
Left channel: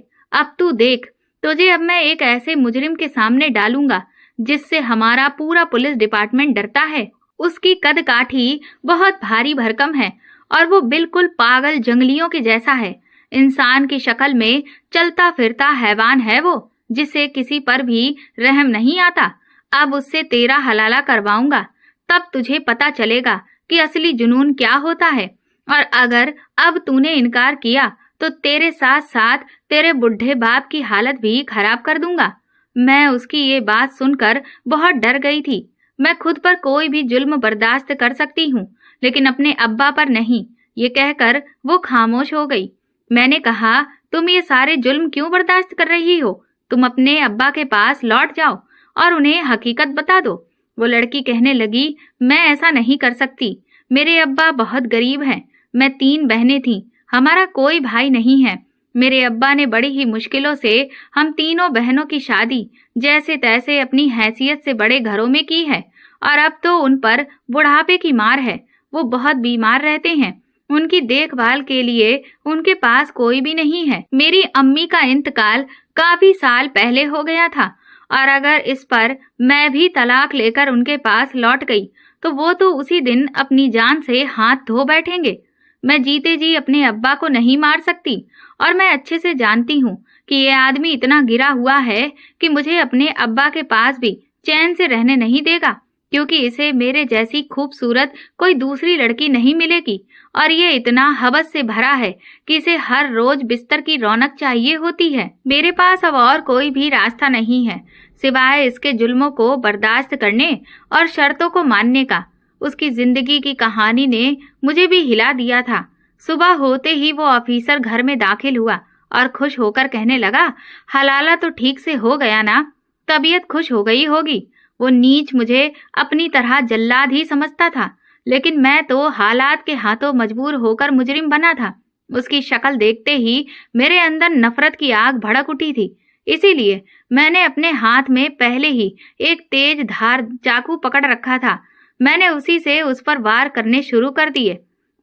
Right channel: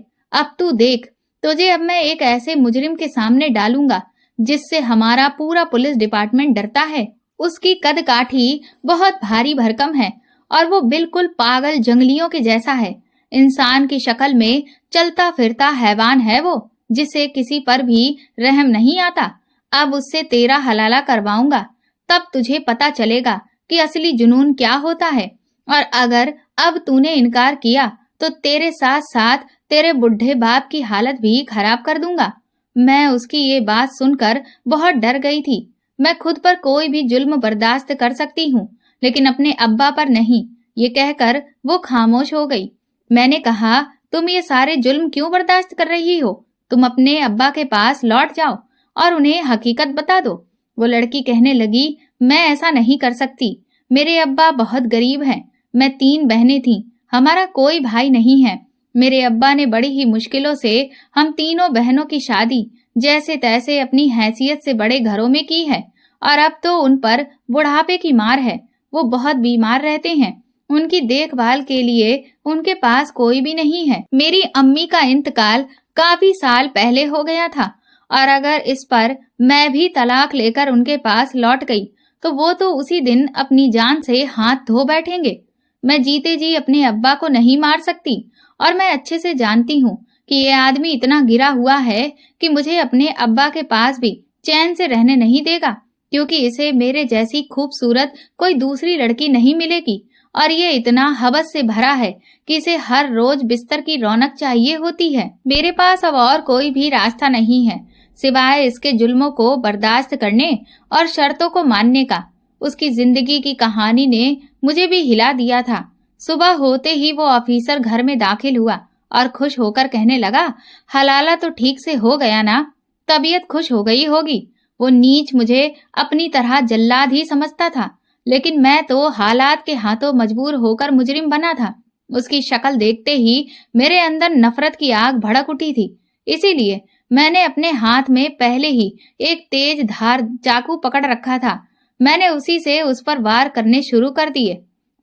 अब तू देख, तुझे अब मैं एक ऐसे मुजरिम के सामने डालूंगा जिससे हमारा पूरा पुलिस डिपार्टमेंट डरता है। उसकी कदकाठी बहुत भारी भरकम है और वो बिल्कुल पागल जंगलियों के जैसा है। इंसान की शक्ल में चलता फिरता हैवान है वो, जिसे किसी पर भी रहम नहीं आता। अब उससे तेरा हलाला करवाऊंगा, तब तुझे पता चलेगा कि असली जुनून क्या होता है। और अगर अब तूने इनकार किया तो तेरे साथ साथ तेरे बुढ़े बाप की हालत भी खराब कर दूंगा। मैं उसकी ये बात सुनकर बहुत डर गई थी। मैं खुद पर कोई भी जुल्म बर्दाश्त कर सकती हूँ, लेकिन अपने अब्बा पर नहीं। ये कहकर वो खामोश हो गई। मैंने कहा, तुम ये सारे जुल्म क्यों बर्दाश्त कर रही हो? तुम अपने अब्बा के पास लौट जाओ और उन्हें हकीकत बता दो। वो लड़की कहने लगी, मैं ऐसा नहीं कर सकती। मेरे अब्बा बहुत गरीब हैं। मैं 3 बहनें थीं, हमारा कोई भाई नहीं है। मेरे अब्बा ने बड़ी ही मुश्किलों से हम तीनों बहनों की शादी जैसे तैसे अपनी हैसियत से बड़े घरों में की है, और अब तो उन पर बुढ़ापे की मार है। वो बहुत बीमार रहते हैं। उनकी देखभाल के लिए उनके पास कोई भी नहीं है। मेरी अम्मी का इंतकाल काफी साल पहले हो गया था, और अगर इस पर मैं भी तलाक लेकर उनके पास लौट गई तो वो तो उसी दिन अपनी जान से हाथ धो बैठेंगे। मैं जीते जी अपने अब्बा को नहीं मार सकती, और मैं अच्छे से जानती हूँ कि ये आदमी इतना गिरा हुआ है कि मुझे अपने अब्बा के पास भी चैन से रहने नहीं देगा, क्योंकि इसे मेरे जैसी खूबसूरत कोई दूसरी लड़की नहीं मिलेगी। और ये इतना हवस से भरा है कि इसे हर रोज बिस्तर की रौनक चाहिए होती है। मेरे पास अब और कोई भी रास्ता नहीं है सिवाय इसके जुल्मों को बर्दाश्त करने और शर्तों को मानने का। उसकी जिंदगी की कहानी ने मुझे भी हिला दिया था। सुबह होते ही वो ऑफिसर घर में दाखिल हुआ और खुश होकर कहने लगा, हलाला तो ठीक से हो गया ना? तबीयत खुश हो गई होगी। वो नीच मुझे अपनी तरह जल्लाद ही समझता था, लेकिन मैं तो हालात के हाथों मजबूर होकर मुजरिम बना था। उसकी शक्ल देखते ही मेरे अंदर नफरत की आग भड़क उठी थी। इसीलिए मैंने अपने हाथ में पहले ही एक तेज धार चाकू पकड़ रखा था। मैंने उसी से उस पर वार करने शुरू कर दिए।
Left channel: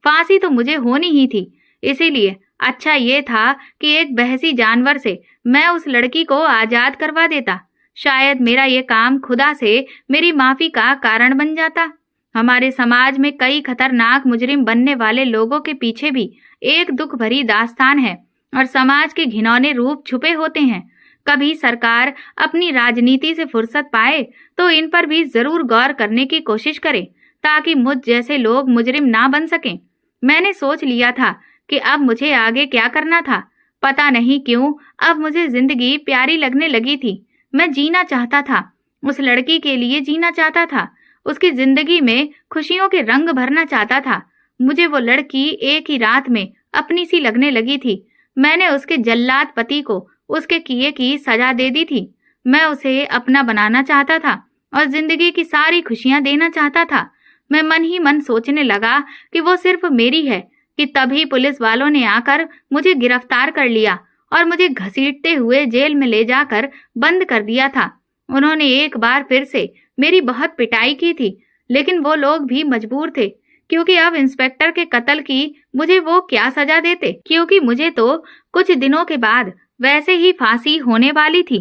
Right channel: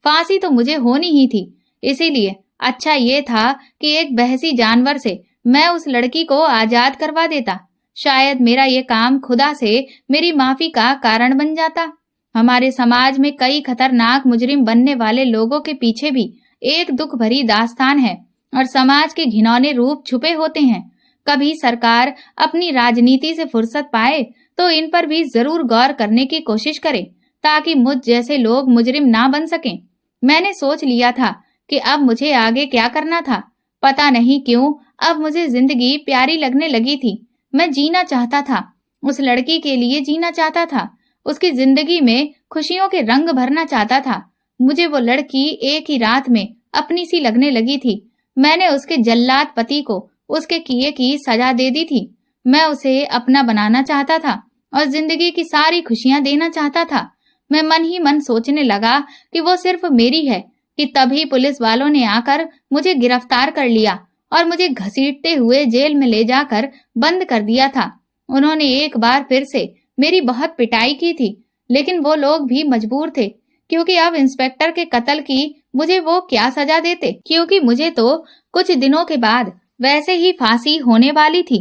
फांसी तो मुझे होनी ही थी, इसीलिए अच्छा ये था कि एक बहसी जानवर से मैं उस लड़की को आजाद करवा देता। शायद मेरा ये काम खुदा से मेरी माफी का कारण बन जाता। हमारे समाज में कई खतरनाक मुजरिम बनने वाले लोगों के पीछे भी एक दुख भरी दास्तान है, और समाज के घिनौने रूप छुपे होते हैं। कभी सरकार अपनी राजनीति से फुर्सत पाए तो इन पर भी जरूर गौर करने की कोशिश करे, ताकि मुझ जैसे लोग मुजरिम ना बन सकें। मैंने सोच लिया था कि अब मुझे आगे क्या करना था। पता नहीं क्यों अब मुझे जिंदगी प्यारी लगने लगी थी। मैं जीना चाहता था, उस लड़की के लिए जीना चाहता था, उसकी जिंदगी में खुशियों के रंग भरना चाहता था। मुझे वो लड़की एक ही रात में अपनी सी लगने लगी थी। मैंने उसके जल्लाद पति को उसके किए की सजा दे दी थी। मैं उसे अपना बनाना चाहता था और जिंदगी की सारी खुशियां देना चाहता था। मैं मन ही मन सोचने लगा कि वो सिर्फ मेरी है, कि तभी पुलिस वालों ने आकर मुझे गिरफ्तार कर लिया और मुझे घसीटते हुए जेल में ले जाकर बंद कर दिया था। उन्होंने एक बार फिर से मेरी बहुत पिटाई की थी, लेकिन वो लोग भी मजबूर थे, क्योंकि अब इंस्पेक्टर के कत्ल की मुझे वो क्या सजा देते, क्योंकि मुझे तो कुछ दिनों के बाद वैसे ही फांसी होने वाली थी।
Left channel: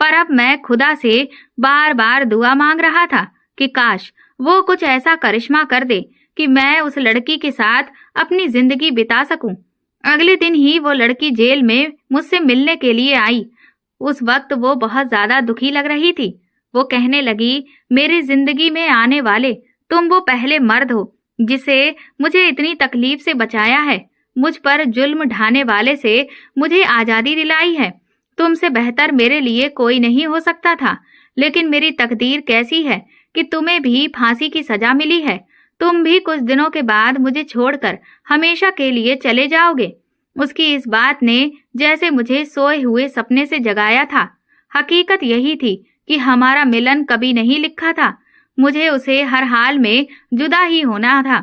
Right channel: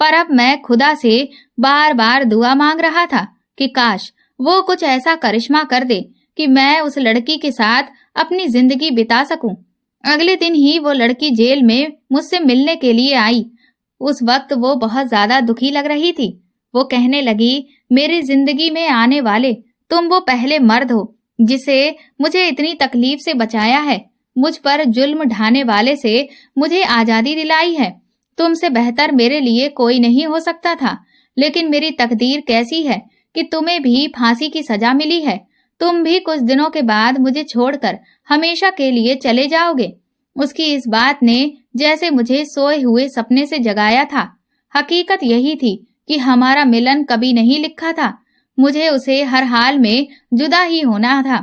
पर अब मैं खुदा से बार बार दुआ मांग रहा था कि काश वो कुछ ऐसा करिश्मा कर दे कि मैं उस लड़की के साथ अपनी जिंदगी बिता सकूं। अगले दिन ही वो लड़की जेल में मुझसे मिलने के लिए आई। उस वक्त वो बहुत ज्यादा दुखी लग रही थी। वो कहने लगी, मेरी जिंदगी में आने वाले तुम वो पहले मर्द हो जिसे मुझे इतनी तकलीफ से बचाया है। मुझ पर जुल्म ढाने वाले से मुझे आजादी दिलाई है। तुमसे बेहतर मेरे लिए कोई नहीं हो सकता था, लेकिन मेरी तकदीर कैसी है कि तुम्हें भी फांसी की सजा मिली है। तुम भी कुछ दिनों के बाद मुझे छोड़कर हमेशा के लिए चले जाओगे। उसकी इस बात ने जैसे मुझे सोए हुए सपने से जगाया था। हकीकत यही थी कि हमारा मिलन कभी नहीं लिखा था। मुझे उसे हर हाल में जुदा ही होना था,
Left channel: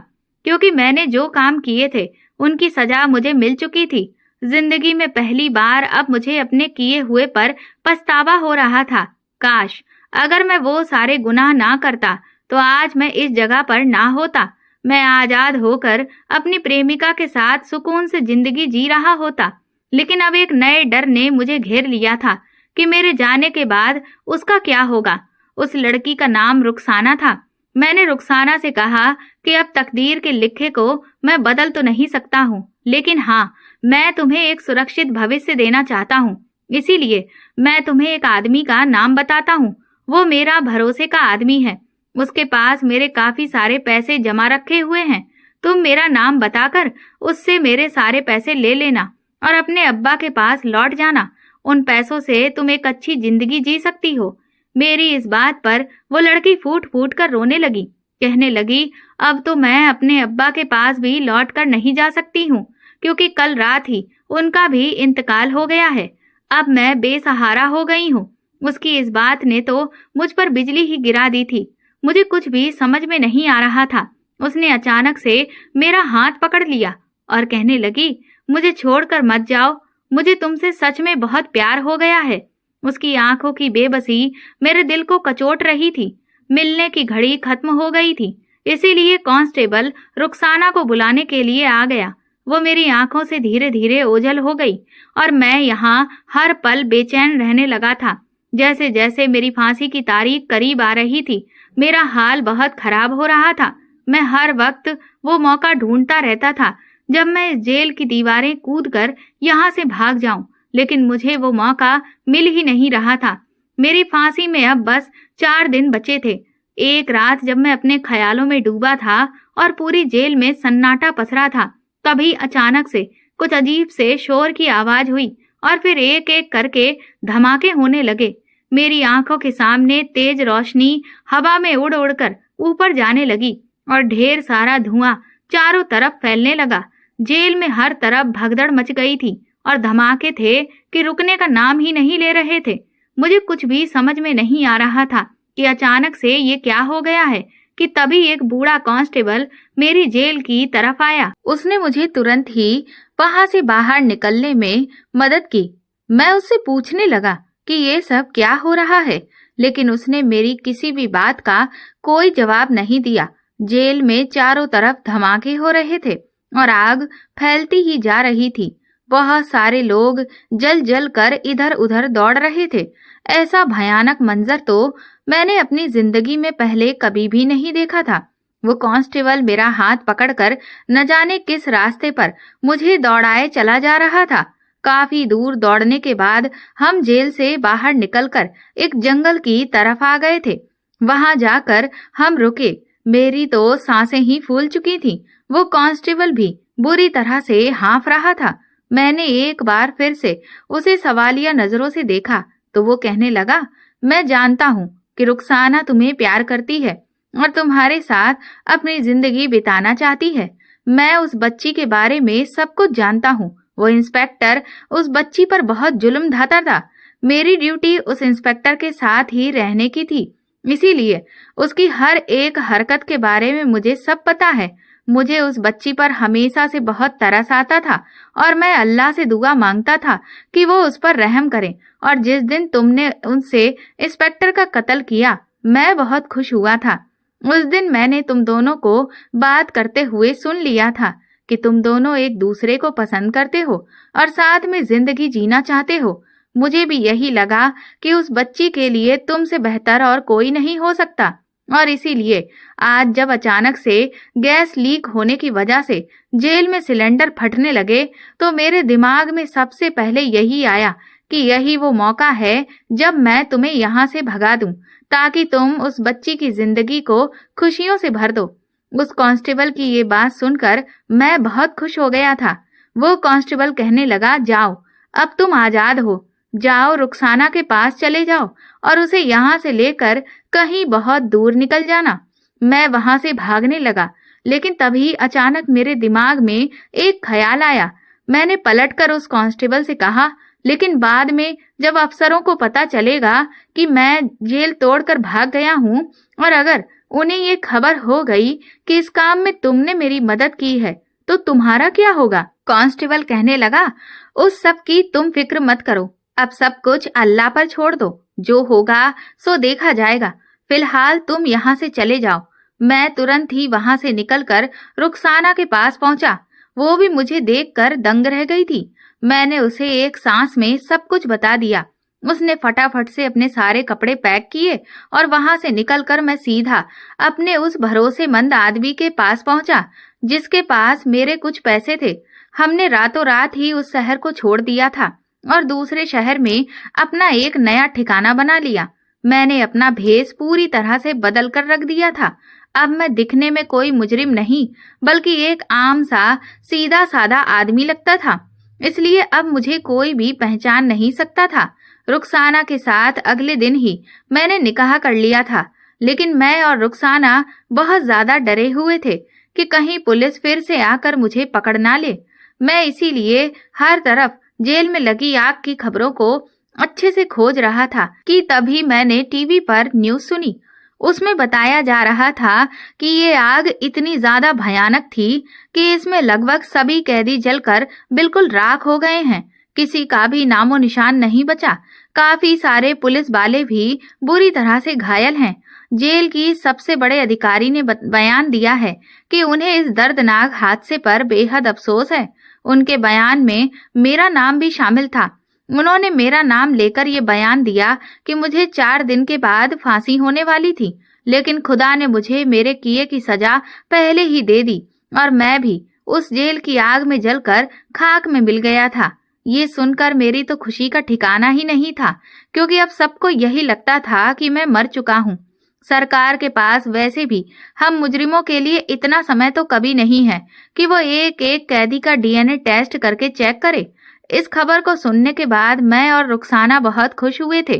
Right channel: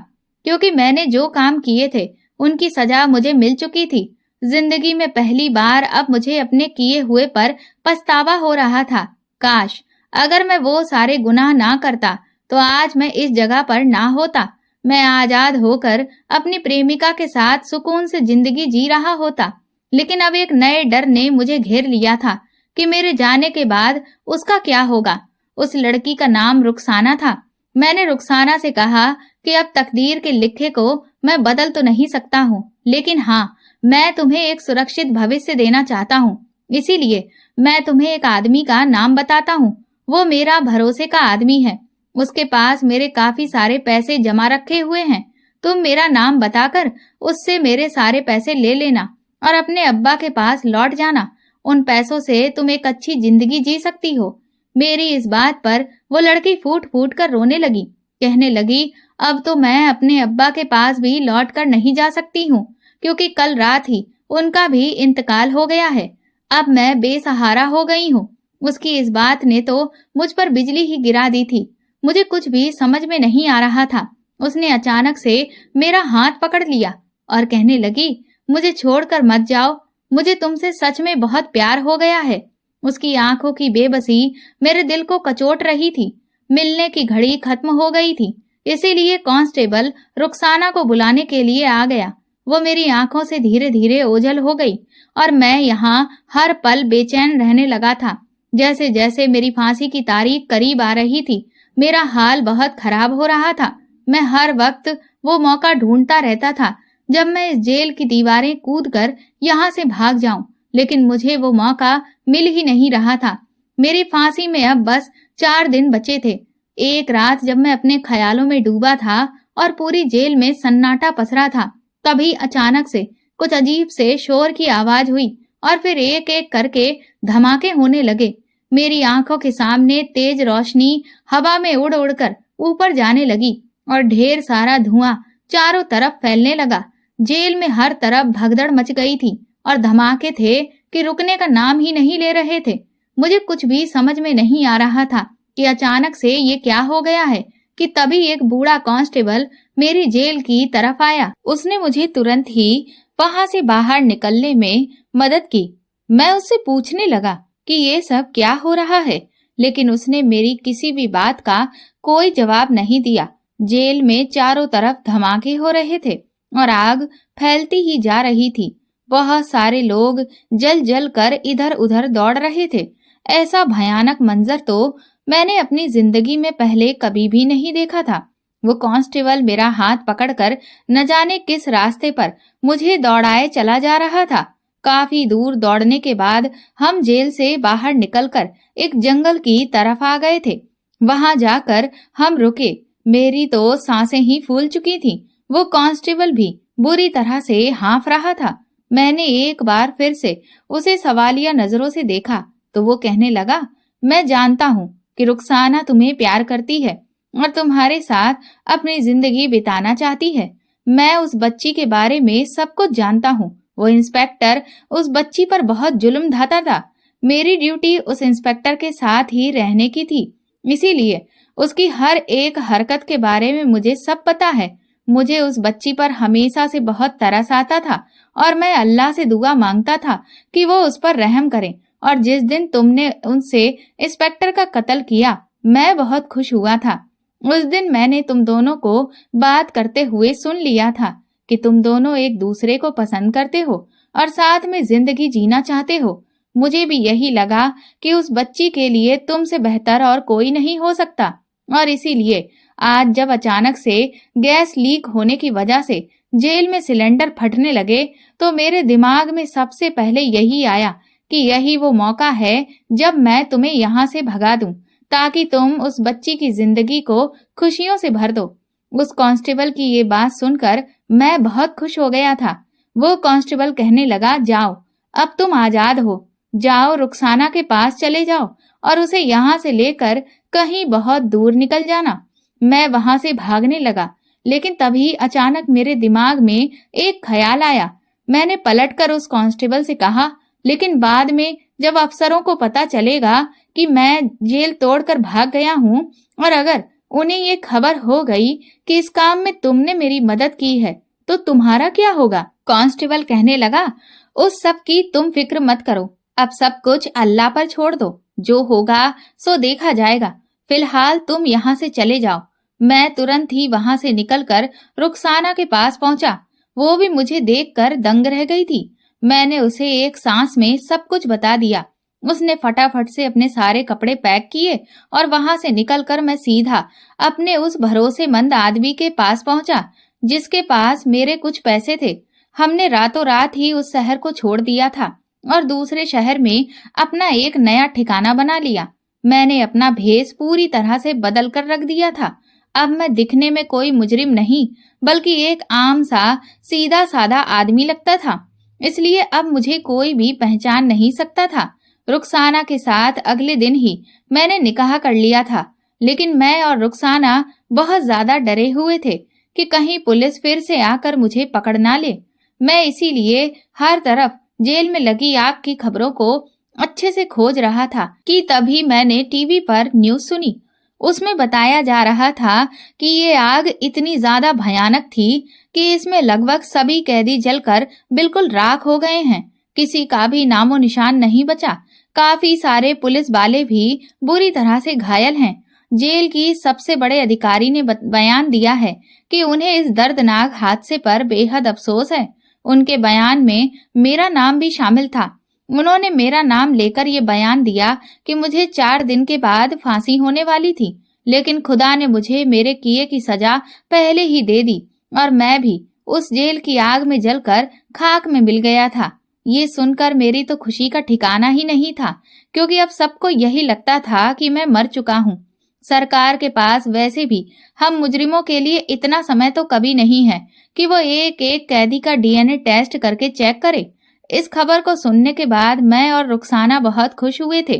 क्योंकि मैंने जो काम किए थे उनकी सजा मुझे मिल चुकी थी। जिंदगी में पहली बार अब मुझे अपने किए हुए पर पछतावा हो रहा था। काश अगर मैं वो सारे गुनाह ना करता तो आज मैं इस जगह पर ना होता। मैं आजाद होकर अपनी प्रेमिका के साथ सुकून से जिंदगी जी रहा होता। लेकिन अब एक नए डर ने मुझे घेर लिया था कि मेरे जाने के बाद उसका क्या होगा। उस लड़की का नाम रुखसाना था। मैंने रुखसाना से कहा कि अब तकदीर के लिखे को मैं बदल तो नहीं सकता हूँ, लेकिन हाँ, मैं तुम्हें एक सुरक्षित भविष्य देना चाहता हूँ। इसीलिए मैं तुम्हें एक आदमी का नाम बताता हूँ। वो मेरा भरोसे का आदमी है। उसके पास मेरे काफी सारे पैसे जमा रखे हुए हैं। तुम मेरा नाम बताकर उससे मेरे सारे पैसे ले लेना और अपने अब्बा के पास लौट जाना। उन पैसों से तुम एक अच्छी जिंदगी जी सकती हो। मेरी इस बात पर वो लड़की फूट फूट कर रोने लगी। कहने लगी, अब तो मैं अपने अब्बा के पास भी लौट कर नहीं जा सकती हूँ, क्योंकि कल रात ही उनका भी इंतकाल हो गया है। अब मैं बेसहारा हो गई हूँ। उसकी इस बात ने तो मुझ पर बिजली ही गिरा दी थी। मुझे कुछ भी समझ में नहीं आ रहा था। उसने अचानक से मेरा हाथ पकड़ लिया और कहने लगी, मुझे छोड़कर मत जाओ। मुझे तुमसे सच में बहुत प्यार हो गया है। उसकी आंखों की बेबसी मेरे दिल को कचोट रही थी। मिलने की घड़ी खत्म हो गई थी, इसीलिए कांस्टेबल रुखसाना को बुलाने के लिए आ गया। वो मेरी आंखों से धीरे धीरे ओझल हो गई और मैं यहाँ हर पल बेचैन रहने लगा था। जैसे जैसे मेरी फांसी की तारीख करीब आ रही थी, मेरा हाल बहुत खराब हो रहा था। मैं हर वक्त वो मौका ढूंढता रहता था जब मैं इस जेल की दीवारें कूदकर यहाँ से भाग जाऊं, लेकिन मुझे वो मौका मिल ही नहीं रहा था। मेरी फांसी में अब बस 4 दिन बचे थे। एक रात जब मैं अपने ख्यालों में डूबा था और पूरी जेल में सन्नाटा पसरा था, तभी अचानक से कुछ अजीब से शोर की आवाज हुई और फिर एक एक करके धमाके होने लगे। मेरी आंखों के सामने तेज रोशनी हवा में उड़ उड़कर ऊपर जाने लगी और ढेर सारा धुआं चारों तरफ फैलने लगा। जेल में हर तरफ भगदड़ मच गई थी और धमाके थे कि रुकने का नाम ही नहीं ले रहे थे। मुझे कुछ भी समझ में नहीं आ रहा था कि अचानक से ये क्या हो गया है कि तभी एक बूढ़ा कांस्टेबल मेरी जेल की तरफ आया। उसने मुझे तुरंत ही वहां से बाहर निकलने में मदद की। मैं उससे पूछने लगा कि ये सब क्या हो रहा है, लेकिन उसने मेरी किसी भी बात का कोई जवाब नहीं दिया। जेल में चारों तरफ धमाके हो रहे थे और आग फैलती ही जा रही थी। बहुत सारे लोग जल जल कर इधर उधर दौड़ रहे थे। ऐसा भयानक मंजर तो मैंने अपनी जिंदगी में पहले कभी भी नहीं देखा था। वो कांस्टेबल मेरा हाथ पकड़कर न जाने किस रास्ते पर मुझे दौड़ाए चला जा रहा था। काफी दूर दौड़ने के बाद हम जेल से बाहर निकलकर एक जंगल की तरफ आ गए थे। वहां जाकर हम रुके। मेरी तो सांसें ही फूल चुकी थी। वो कांस्टेबल भी बुरी तरह से हाँफ रहा था। मैंने एक बार फिर से उसे सवालिया नजरों से देखा तो वो कहने लगा, मैं जानता हूँ कि रुखसाना तुम्हें प्यार करती है और तुम्हारे साथ अपनी जिंदगी बिताना चाहती है। मैं उस बच्ची के बारे में सब कुछ जानता हूँ। वो इंस्पेक्टर उस बच्ची पर बहुत जुल्म ढाता था। मेरी ड्यूटी उस इंस्पेक्टर के साथ ही रहने की थी, इसीलिए उसकी हर एक हरकत के बारे में मुझे सब पता है। मुझे उस बच्ची पर हमेशा से बहुत तरस आता था और मैं अल्लाह से दुआ मांगता था कि वो उस पर रहम करे। और जिस दिन तुमने उनसे इंस्पेक्टर का कत्ल किया, मैं बहुत खुश हुआ था। उस दिन मैंने तुम दोनों को बात करते हुए सुन लिया था कि तुम दोनों एक दूसरे को पसंद करते हो और साथ में जिंदगी जीना चाहते हो। मुझे भी यही लगा कि उस बच्ची के लिए तुमसे बेहतर और कोई नहीं हो सकता, और इसीलिए आज जब अचानक से गैस लीक होने की वजह से जेल में सिलेंडर फटने लगे तो मेरे दिमाग में सबसे पहले यही आया कि यही वो मौका है जब मैं तुम्हें यहाँ से भगा दूं, ताकि तुम उस बच्ची की जिंदगी को खुशियों से भर दो। उस कांस्टेबल की ये बात सुनकर मैं बहुत खुश हो गया था। वो कांस्टेबल कहने लगा, जाओ, अब तुम आजाद हो। जाओ रुखसाना के पास चले जाओ और उसे यहाँ से लेकर कहीं बहुत दूर निकल जाना। मैं वहां से भागने लगा, लेकिन तभी अचानक मेरे दिमाग में एक ख्याल आया। मैंने पलटकर उस कांस्टेबल से कहा, लेकिन बाद में जब अफसरों को पता चलेगा कि मैं जेल तोड़कर भाग गया हूँ और अगर उन्हें ये खबर हो गई कि इस काम में तुमने मेरी मदद की है, तो तुम्हारा क्या होगा? कांस्टेबल कहने लगा, उस सब की तुम फिक्र मत करो, अब सब कुछ अल्लाह पर छोड़ दो, जो होगा सो देखा जाएगा। फिलहाल तुम यहाँ से चले जाओ। मैं तुरंत ही वहां से निकलकर रुखसाना के पास पहुंचा। वो भी मुझे देखकर दंग रह गई थी। मैंने उसे एक सांस में सब कुछ बता दिया। उसने फटाफट से अपने सारे कपड़े पैक किए और वहां से निकलकर मैं सीधा अपने उस भरोसेमंद आदमी के पास पहुंचा, जिसके पास मेरे कुछ पैसे थे। हमने रातों रात ही उस शहर को छोड़ दिया था और दूसरे शहर में अपना एक नया ठिकाना बना लिया। मैंने अपना भेष पूरी तरह से बदल कर रख दिया था। अब मैं दिखने में कोई मुजरिम नहीं, बल्कि एक आम सा सीधा साधा आदमी लगता था। इसलिए अब मुझे कोई भी पहचान नहीं सकता था। रुखसाना के साथ अगले दिन ही मैंने निकाह कर लिया था, लेकिन मैं और रुखसाना बहुत ज्यादा डरे हुए थे कि कहीं पुलिस फिर से आकर मुझे पकड़ ना ले। मैं इसीलिए हर तरफ जेल में लगी आग की खबरों को अच्छे से खोज रहा था कि तभी मैंने टीवी पर न्यूज़ सुनी। उसमें बताया जा रहा था कि ये आग इतनी ज्यादा भयानक थी कि इसमें लगभग सभी कैदी जलकर बिल्कुल राख हो गए हैं। किसी का भी नामो निशान नहीं बचा। काफी सारे पुलिस वाले भी बुरी तरह से घायल हैं। जेल की सबसे बड़े अधिकारी ने बयान दिया है कि उन्हें इस दर्दनाक हादसे पर बेहद अफसोस है। उनके बयान में मेरा नाम भी शामिल था। उन्होंने मेरा नाम लेकर ये बयान दिया कि मुझे 4 दिन के बाद फांसी होने वाली थी, लेकिन खुदा ने मुझे मेरे किए की सजा पहले ही दे दी और मैं भी उस जेल की आग में जलकर खाक में मिल गया था। ये सुनकर मेरी तो खुशी का ठिकाना ही नहीं था, क्योंकि अब सबको यही लगता था कि मैं मर चुका हूँ। सरकार के पास वैसे भी हम मुजरिमों के लिए इतना समय तो कभी नहीं है कि वो एक एक कैदी का डीएनए टेस्ट करके चेक करे। इस खबर को सुनने के बाद मैं और रुखसाना बहुत खुश हुए थे।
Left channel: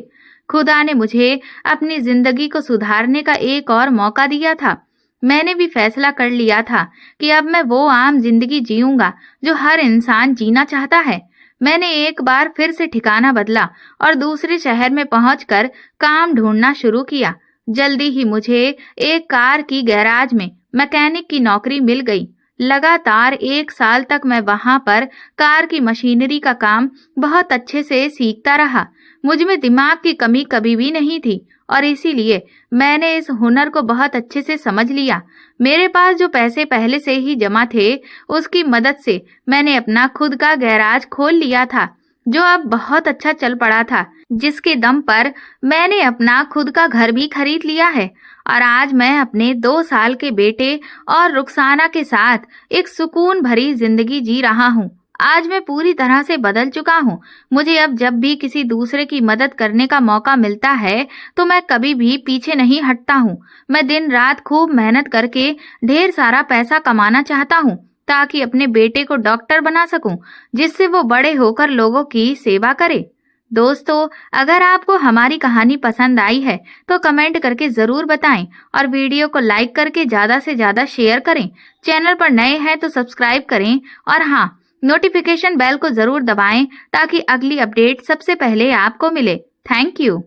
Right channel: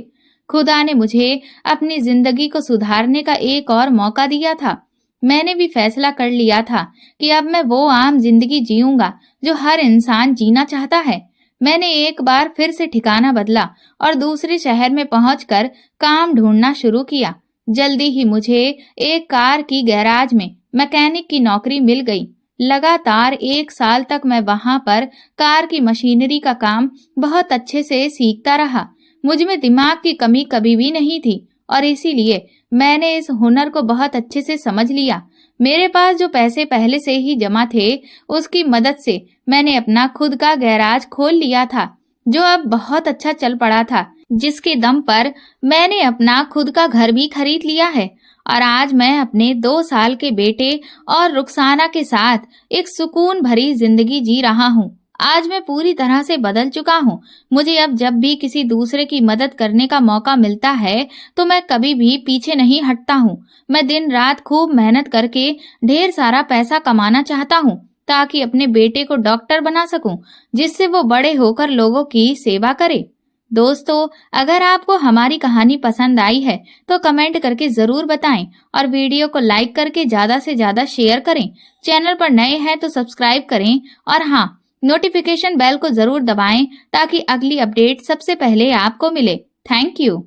खुदा ने मुझे अपनी जिंदगी को सुधारने का एक और मौका दिया था। मैंने भी फैसला कर लिया था कि अब मैं वो आम जिंदगी जीऊंगा जो हर इंसान जीना चाहता है। मैंने एक बार फिर से ठिकाना बदला और दूसरे शहर में पहुंचकर काम ढूंढना शुरू किया। जल्दी ही मुझे एक कार की गैराज में मैकेनिक की नौकरी मिल गई। लगातार 1 साल तक मैं वहां पर कार की मशीनरी का काम बहुत अच्छे से सीखता रहा। मुझ में दिमाग की कमी कभी भी नहीं थी और इसीलिए मैंने इस हुनर को बहुत अच्छे से समझ लिया। मेरे पास जो पैसे पहले से ही जमा थे, उसकी मदद से मैंने अपना खुद का गैराज खोल लिया था, जो अब बहुत अच्छा चल पड़ा था, जिसके दम पर मैंने अपना खुद का घर भी खरीद लिया है और आज मैं अपने 2 साल के बेटे और रुखसाना के साथ एक सुकून भरी जिंदगी जी रहा हूँ। आज मैं पूरी तरह से बदल चुका हूँ। मुझे अब जब भी किसी दूसरे की मदद करने का मौका मिलता है तो मैं कभी भी पीछे नहीं हटता हूँ। मैं दिन रात खूब मेहनत करके ढेर सारा पैसा कमाना चाहता हूँ ताकि अपने बेटे को डॉक्टर बना सकूं, जिससे वो बड़े होकर लोगों की सेवा करे। दोस्तों, अगर आपको हमारी कहानी पसंद आई है तो कमेंट करके जरूर बताएं और वीडियो को लाइक करके ज्यादा से ज्यादा शेयर करें। चैनल पर नए हैं तो सब्सक्राइब करें और हाँ, नोटिफिकेशन बेल को जरूर दबाएं ताकि अगली अपडेट सबसे पहले आपको मिले। Thank you.